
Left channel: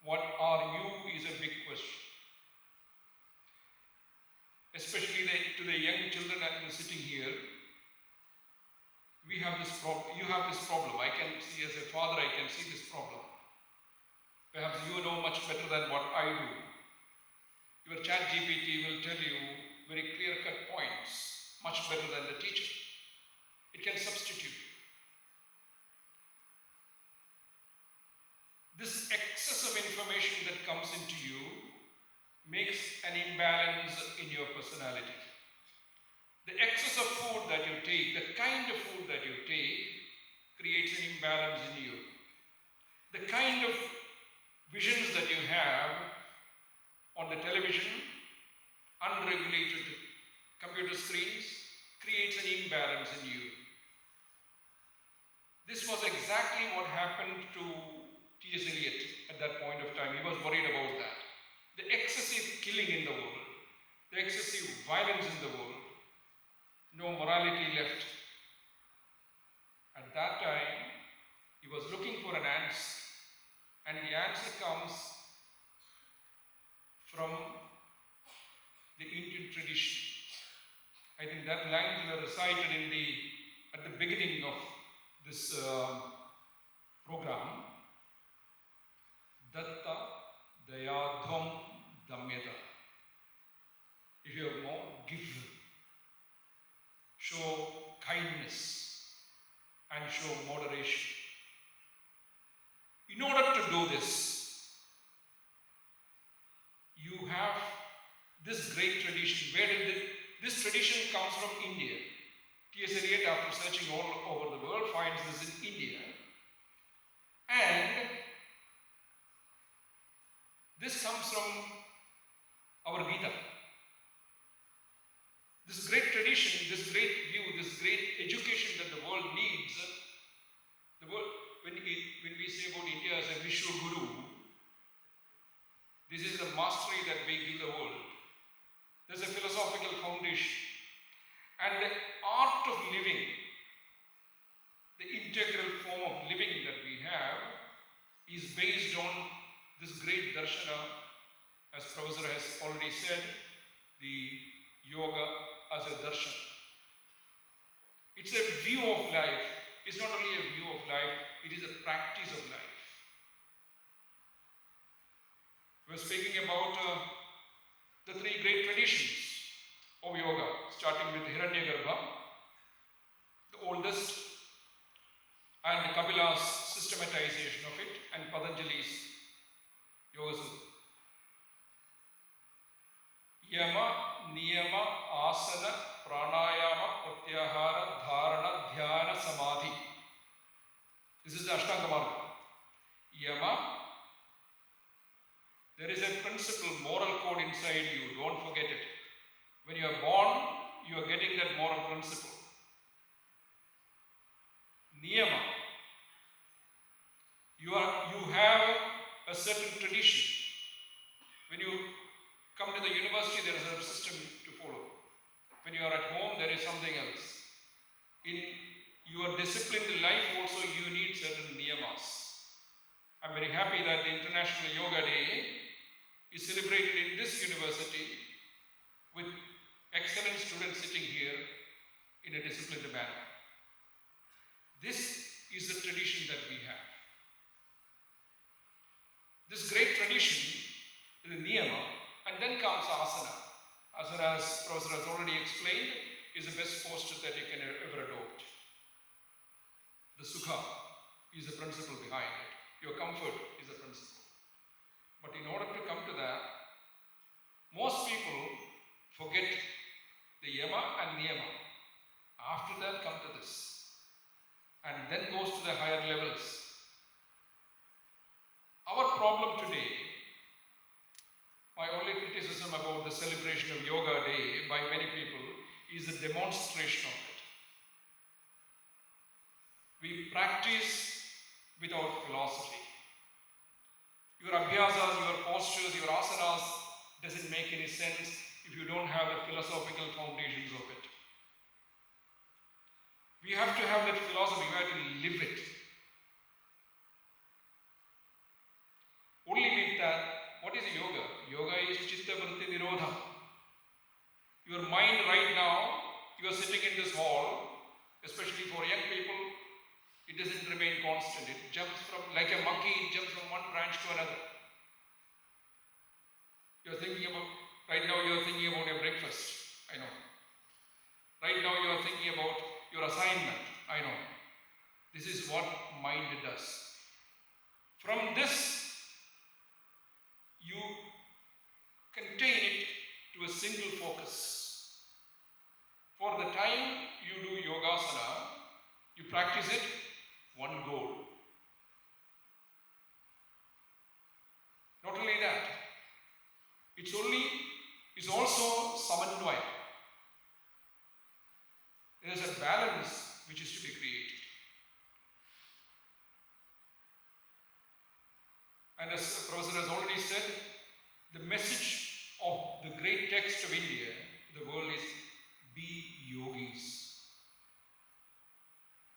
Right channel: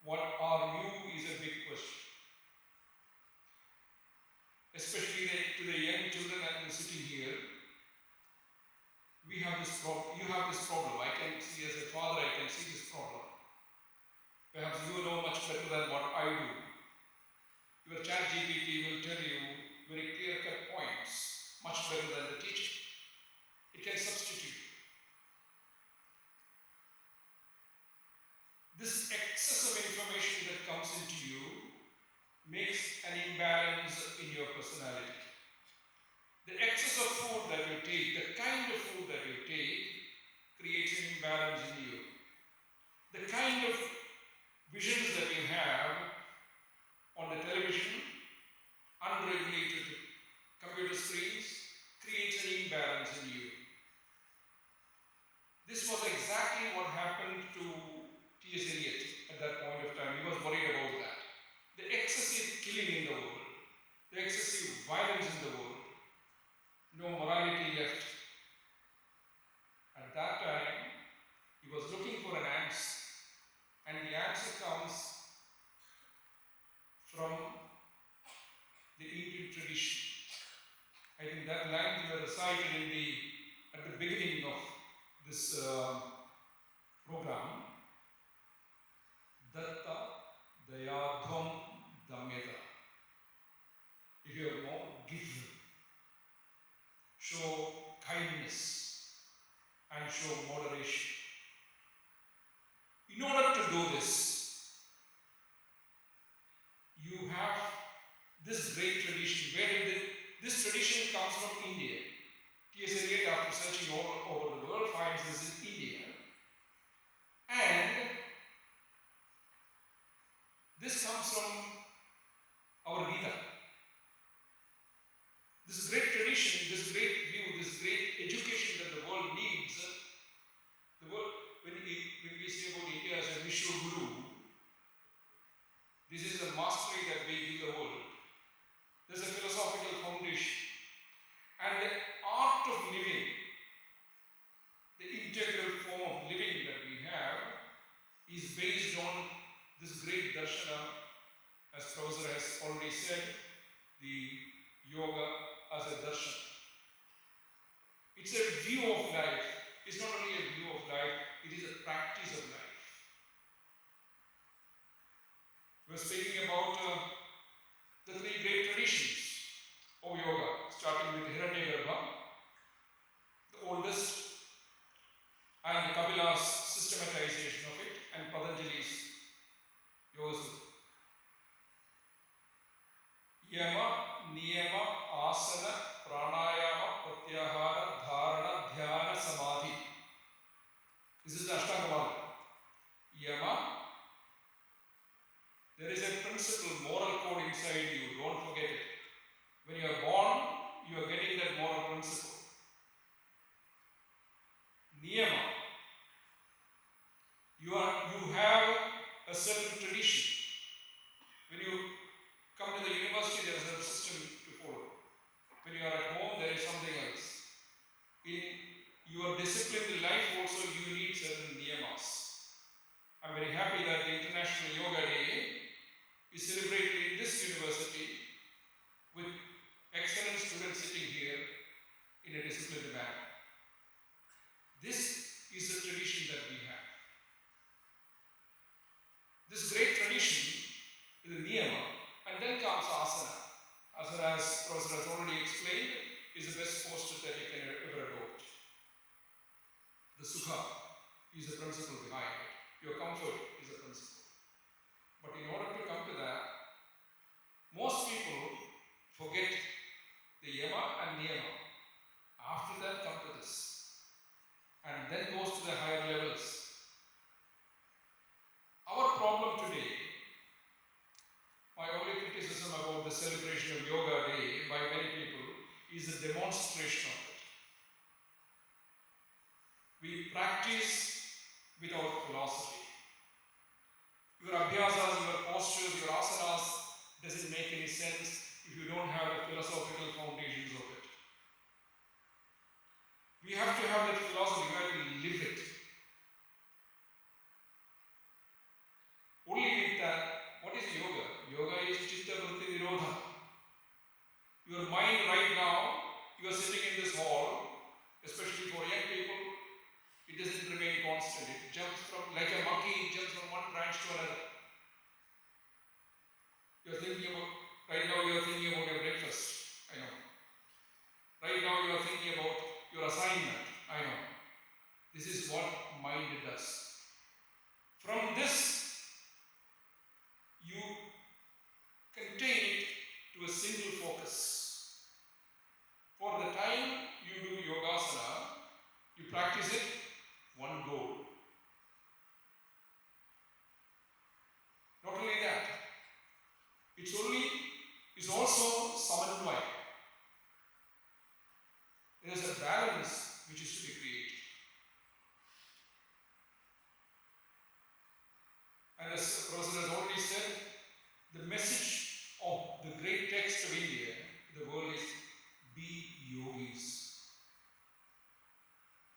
What are you is a big question. Especially to the young children that are sitting here, we have this problem. You have this problem. I can see, as a father, I can see this problem. Perhaps you know much better than what I do. Your chat GPT will tell you very clear-cut points, much better than the teacher. It can substitute. This excess of information that comes into you makes an imbalance in your personality. The excess of food that you take, the kind of food that you take, creates an imbalance in you. The kind of visions that you have on the television, unregulated computer screens, creates an imbalance in you. This was exactly what happened to T.S. Eliot at that point of time. He was worried about that. The excessive killing in the world, the excessive violence in the world, no morality left. At that time, he was looking for an answer, and the answer comes from the Indian tradition. I think that line you recited at the beginning of this program, Datta Dayadham Damyata. If you have more, give. Show kindness and show moderation. In order to do this, you have this great tradition. Where did this tradition comes from? India. T.S. Eliot, after searching all over the world, finds this in India. And this comes from our Gita. This great tradition, this great view, this great education that the world needs. The world, when we say about India as a Vishwa Guru, this is the mastery that we give the world. There's a philosophical foundation. And the art of living, the integral form of living that we have, is based on this great darshana, as Professor has already said, the yoga as a darshan. It's a view of life. It's not only a view of life, it is a practice of life. We're speaking about the three great traditions of yoga, starting with Hiranyagarbha, the oldest, and Kapila's systematization of it, and Patanjali's Yoga Sutra. Yama, Niyama, Asana, Pranayama, Pratyahara, Dharana, Dhyana, Samadhi. This is the Ashtanga Marga. Yama, there is a principle, moral code inside you, don't forget it. When you are born, you are getting that moral principle. Niyama, you have a certain tradition. When you come to the university, there is a system to follow. When you are at home, there is something else. In your disciplined life also, you need certain niyamas. I'm very happy that the International Yoga Day is celebrated in this university with excellent students sitting here in a disciplined manner. This is the tradition that we have. This great tradition is the niyama, and then comes asana. Asana, as Professor has already explained, is the best posture that you can ever adopt. The sukha is the principle behind it. Your comfort is the principle. But in order to come to that, most people forget the yama and niyama. After that, come to this. And then goes to the higher levels. Our problem today, my only criticism about the celebration of Yoga Day by many people is the demonstration of it. We practice without philosophy. Your abhyasas, your postures, your asanas doesn't make any sense if you don't have the philosophical foundations of it. We have to have that philosophy, we have to live it. Only with that, what is yoga? Yoga is chitta vritti nirodha. Your mind right now, you are sitting in this hall, especially for young people, it doesn't remain constant. It jumps from, like a monkey, it jumps from one branch to another. You're thinking about, right now you're thinking about your breakfast, I know. Right now you're thinking about your assignment, I know. This is what mind does. From this, you contain it to a single focus. For the time you do yogasana, you practice it, one goal. Not only that, it's also samanvaya. There is a balance which is to be created. And as the Professor has already said, the message of the great text of India to the world is be yogis.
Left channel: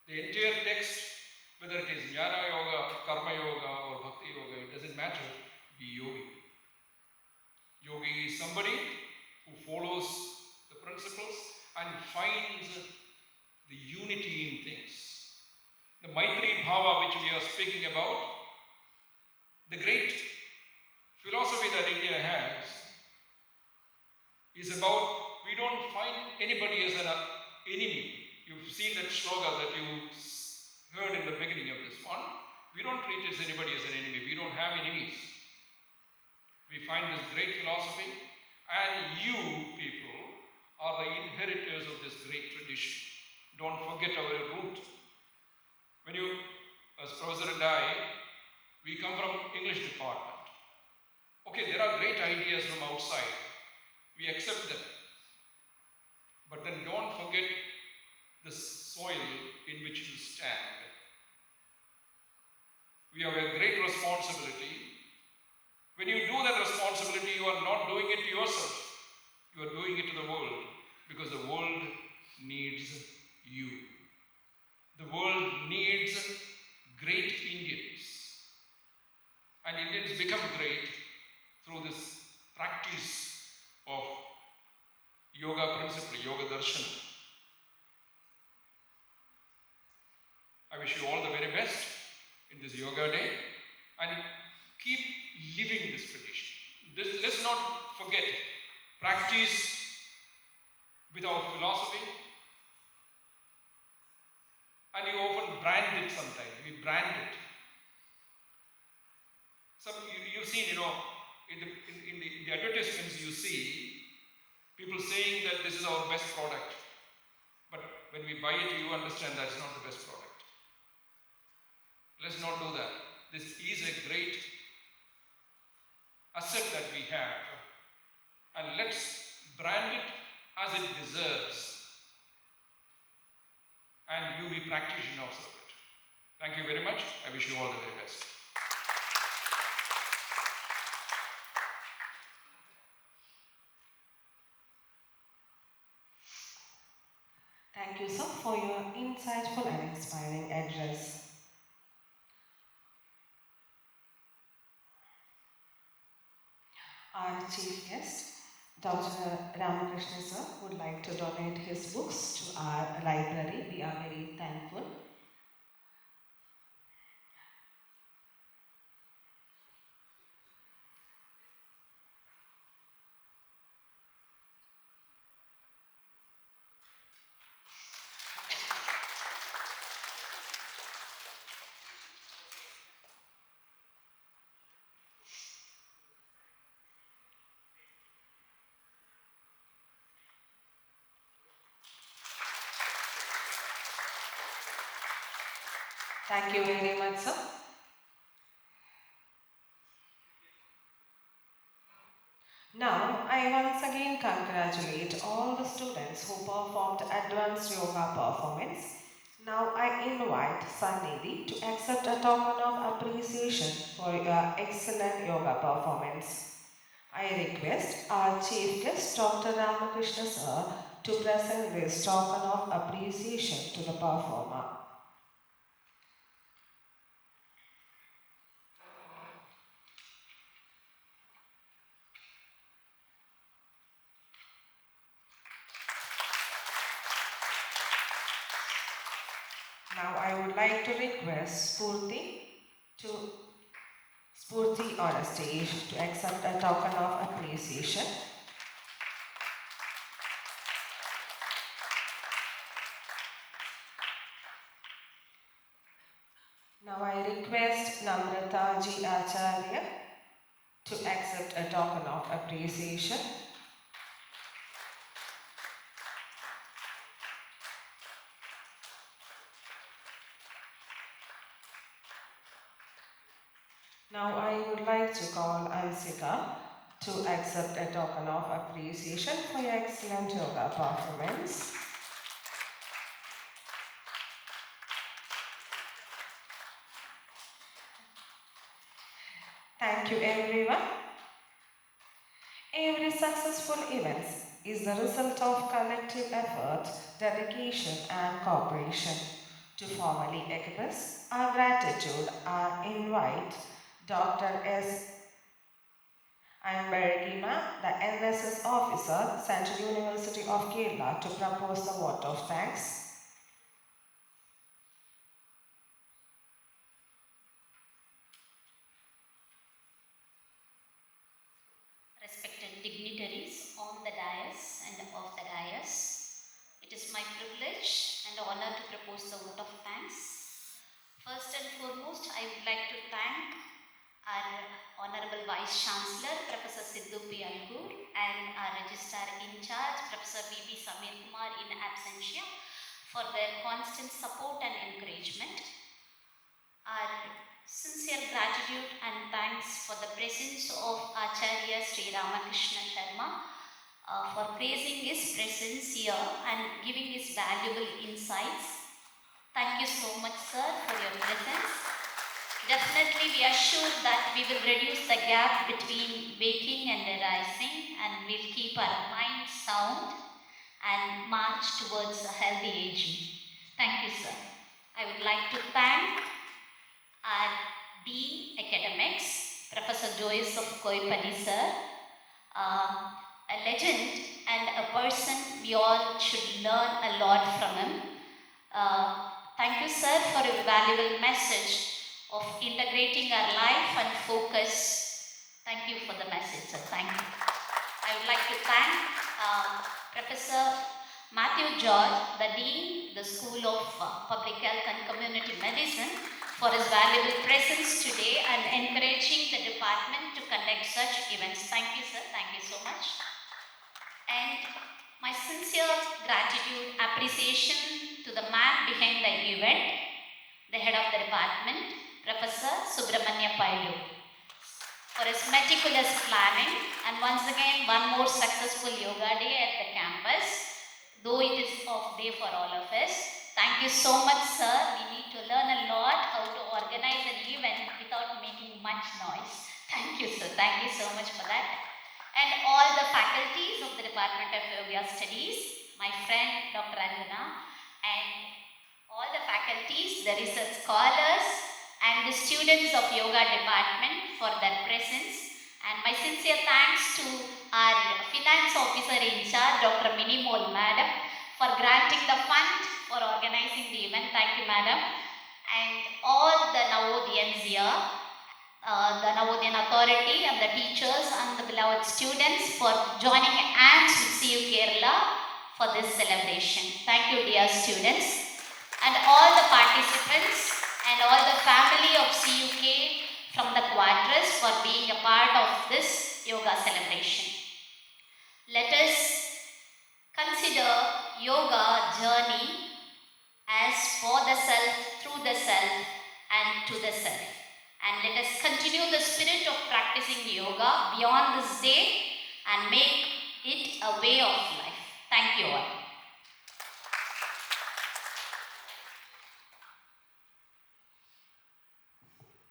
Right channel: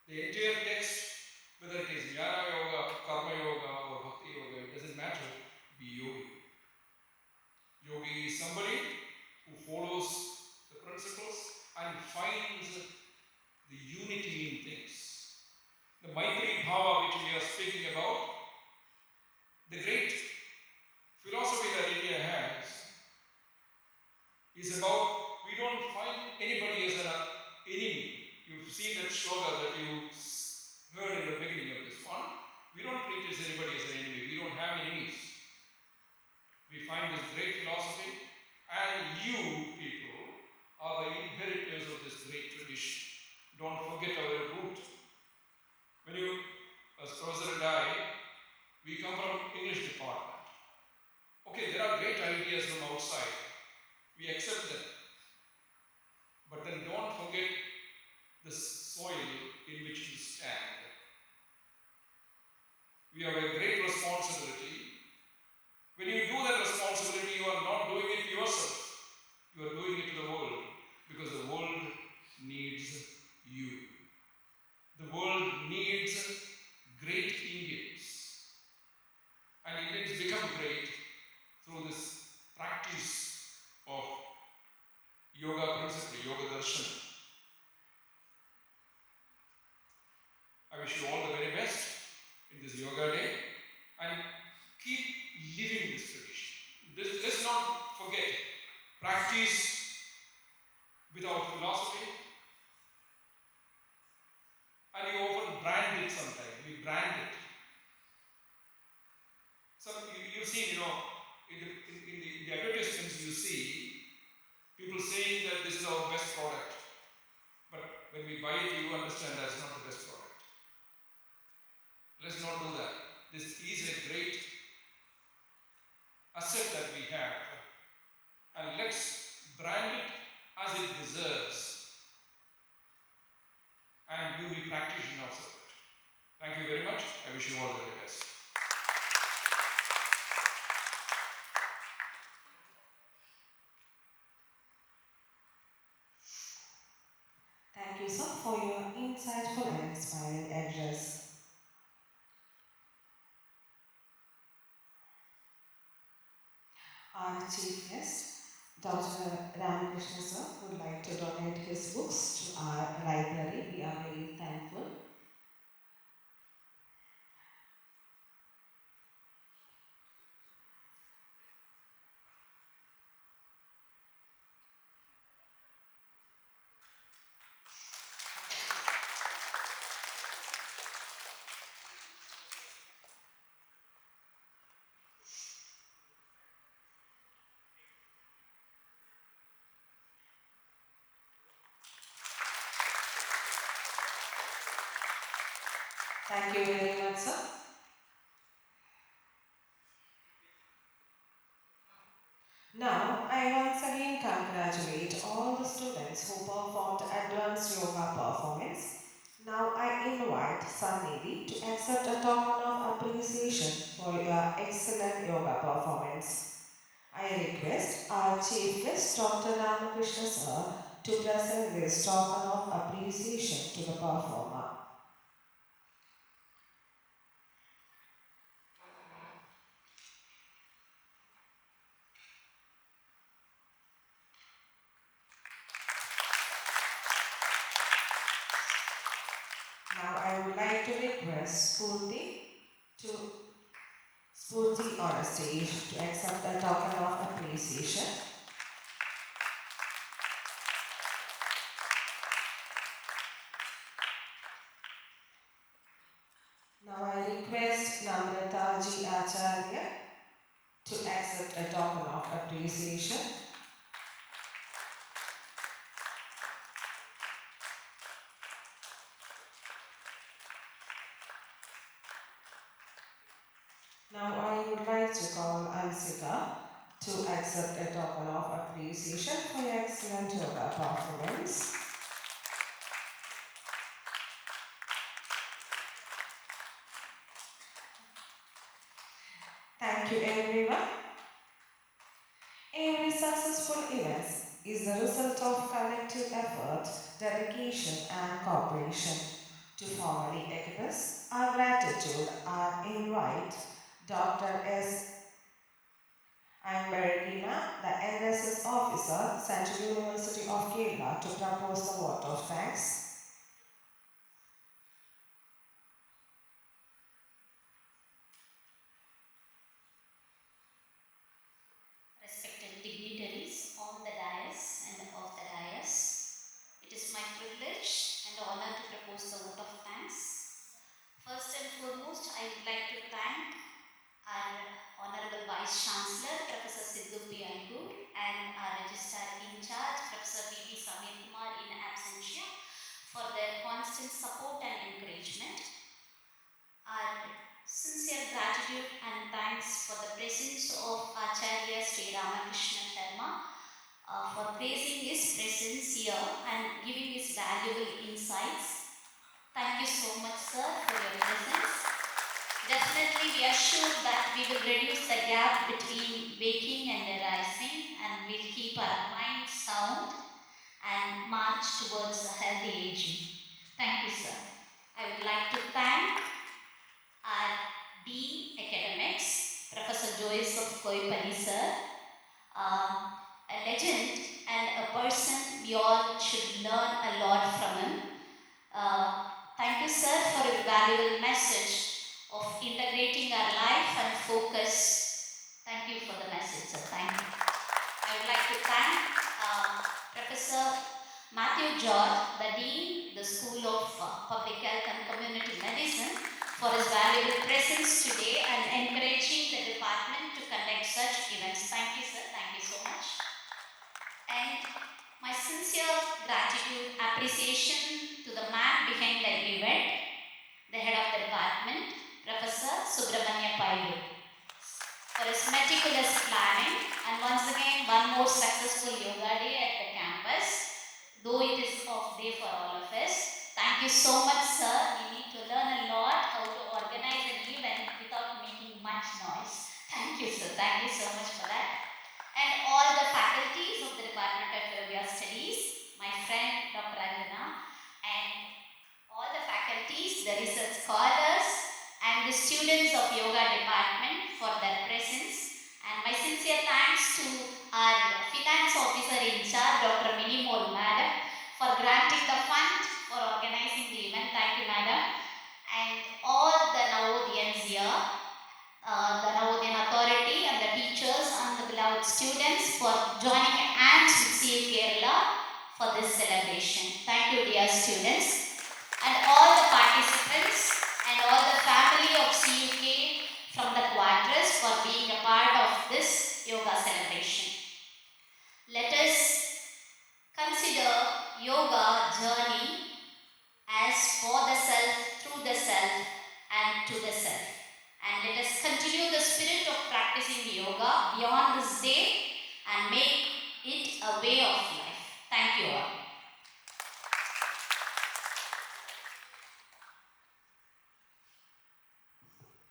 The entire text, whether it is jnana yoga, karma yoga or bhakti yoga, it doesn't matter, be yogi. Yogi is somebody who follows the principles and finds the unity in things. The Maitri Bhava which we are speaking about, the great philosophy that India has is about, we don't find anybody as an enemy. You've seen that shloka that you heard in the beginning of this one. We don't treat anybody as an enemy. We don't have enemies. We find this great philosophy And you people are the inheritors of this great tradition. Don't forget our root. When you, as Professor and I, we come from English department. Okay, there are great ideas from outside. We accept them. But then don't forget the soil in which you stand. We have a great responsibility. When you do that responsibility, you are not doing it to yourself. You are doing it to the world, because the world needs you. The world needs great Indians. And Indians become great through this practice of yoga principle, yoga darshan. I wish you all the very best in this yoga day, and keep living this tradition. Let's not forget, practice without philosophy. And you often brand it sometimes. We brand it. You've seen, in the advertisements you see people saying that this is our best product. But when we buy it, you understand that's not the best product. Let's not do that. This is a great asset that we have. And let's brand it as it deserves. And you be practitioners of it. Thank you very much. I wish you all the very best. Thank you, sir, for your insightful and inspiring address. Our chief guest, Dr. Ramakrishna sir, would like to donate his books to our library. We are very thankful. Thank you very much, sir. Now, I once again congratulate all the students who performed advanced yoga performance. Now I invite Sannidhi to accept a token of appreciation for your excellent yoga performance. I request our chief guest, Dr. Ramakrishna sir, to present this token of appreciation to the performer. Now I would like to request Spurti on a stage to accept a token of appreciation. Now I request Namrataji Acharya to accept a token of appreciation. Now I would like to call Ansika to accept a token of appreciation for your excellent yoga performance. Thank you, everyone. Every successful event is the result of collective effort, dedication, and cooperation. To formally express our gratitude, I invite Dr. S. Anbergima, the NSS officer, Central University of Kerala, to propose the vote of thanks. Respected dignitaries on the dais and off the dais, it is my privilege and honor to propose the vote of thanks. First and foremost, I would like to thank our Honorable Vice Chancellor, Professor Sidhu P. Algur, and our Registrar in charge, Professor B.B. Samir Kumar in absentia, for their constant support and encouragement. Our sincere gratitude and thanks for the presence of Acharya Sri Ramakrishna Sharma for praising his presence here and giving his valuable insights. Thank you so much, sir, for your presence. Definitely, we are sure that we will reduce the gap between waking and rising, and we'll keep our mind sound and march towards a healthy aging. Thank you, sir. I would like to thank our Dean Academics, Professor Joyce of Koyippally, sir, a legend and a person we all should learn a lot from him. Thank you, sir, for a valuable message of integrating our life and focus. Thank you for the message, sir. Thank you. I would like to thank Professor Matthew George, the Dean, the School of Public Health and Community Medicine, for his valuable presence today and encouraging the department to conduct such events. Thank you, sir. Thank you so much. And my sincere gratitude, appreciation to the man behind the event, the head of the department, Professor Subramanya Pailu, for his meticulous planning, and once again, one more successful yoga day at the campus, though it is off day for all of us. Thank you so much, sir. We need to learn a lot how to organize an event without making much noise. Thank you, sir. Thank you so much for that. And all the faculties of the Department of Yoga Studies, my friend Dr. Anjana, and all the faculties, the research scholars, and the students of Yoga Department for their presence. And my sincere thanks to our Finance Officer in charge, Dr. Minimol Madam, for granting the fund for organizing the event. Thank you, Madam. And all the Navodiyans here, the Navodyan Authority and the teachers and the beloved students for joining hands with CU Kerala for this celebration. Thank you, dear students. And all the participants and all the family of CUK from the quarters for being a part of this yoga celebration. Let us consider yoga journey as for the self, through the self, and to the self. And let us continue the spirit of practicing yoga beyond this day and make it a way of life. Thank you all.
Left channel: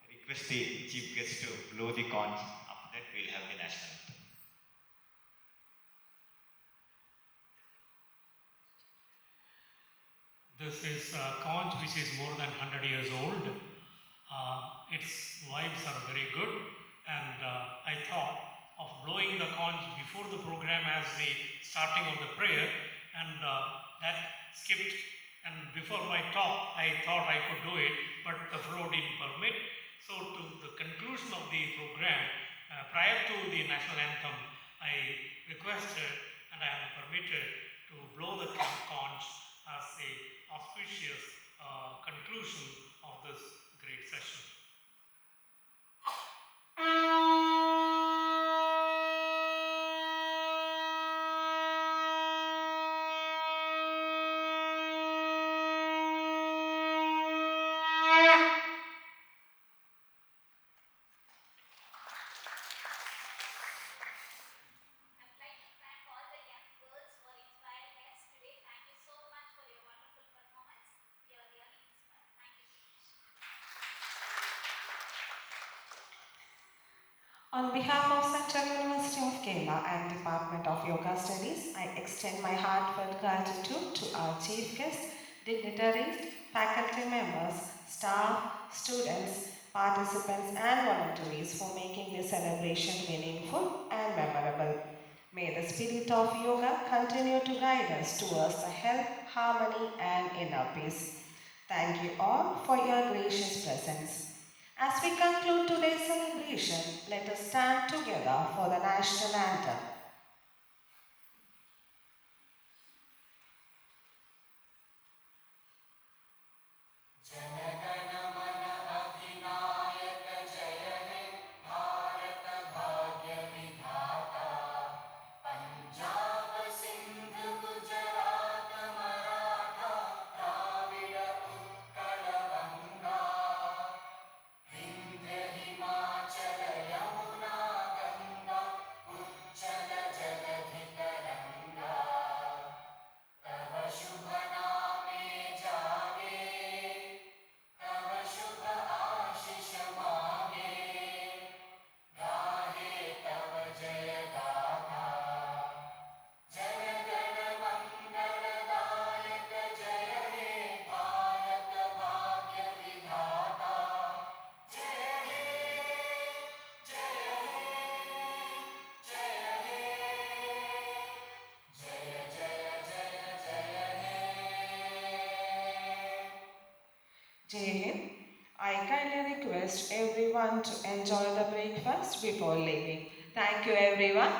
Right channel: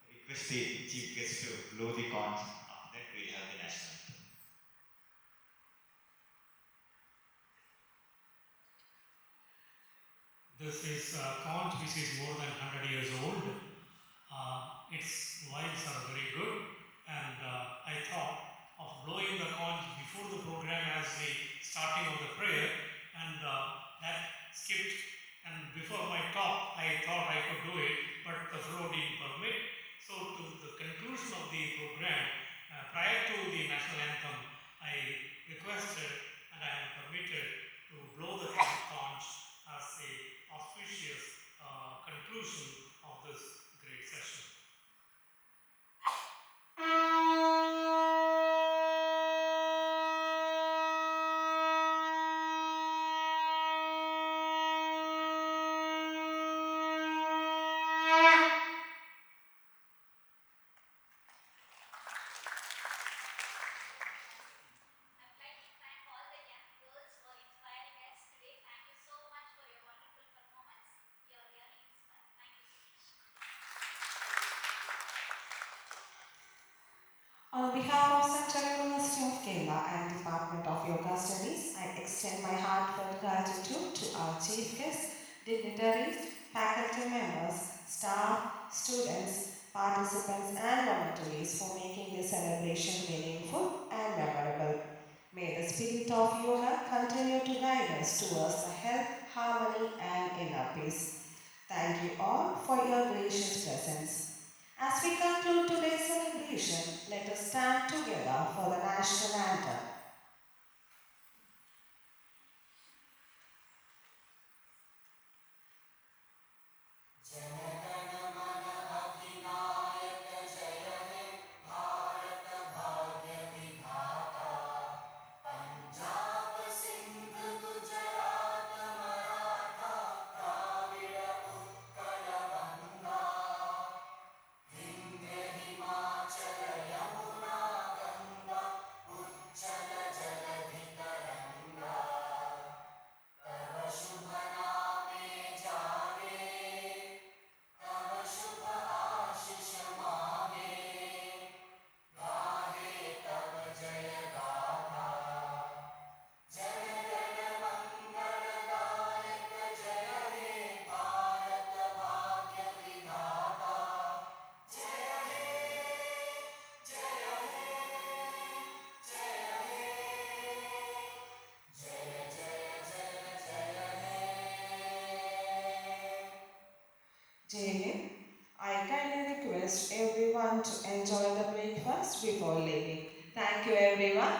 Request the chief guest to blow the conch. After that, we'll have the national anthem. This is a conch which is more than 100 years old. Its vibes are very good, and I thought of blowing the conch before the program as the starting of the prayer, and that skipped. And before my talk, I thought I could do it, but the flow didn't permit. So to the conclusion of the program, prior to the national anthem, I requested and I am permitted to blow the conch as a auspicious conclusion of this great session. On behalf of Central University of Kerala and Department of Yoga Studies, I extend my heartfelt gratitude to our chief guests, dignitaries, faculty members, staff, students, participants and volunteers for making this celebration meaningful and memorable. May the spirit of yoga continue to guide us towards the health, harmony and inner peace. Thank you all for your gracious presence. As we conclude today's celebration, let us stand together for the national anthem. Jay, I kindly request everyone to enjoy the breakfast before leaving. Thank you, everyone.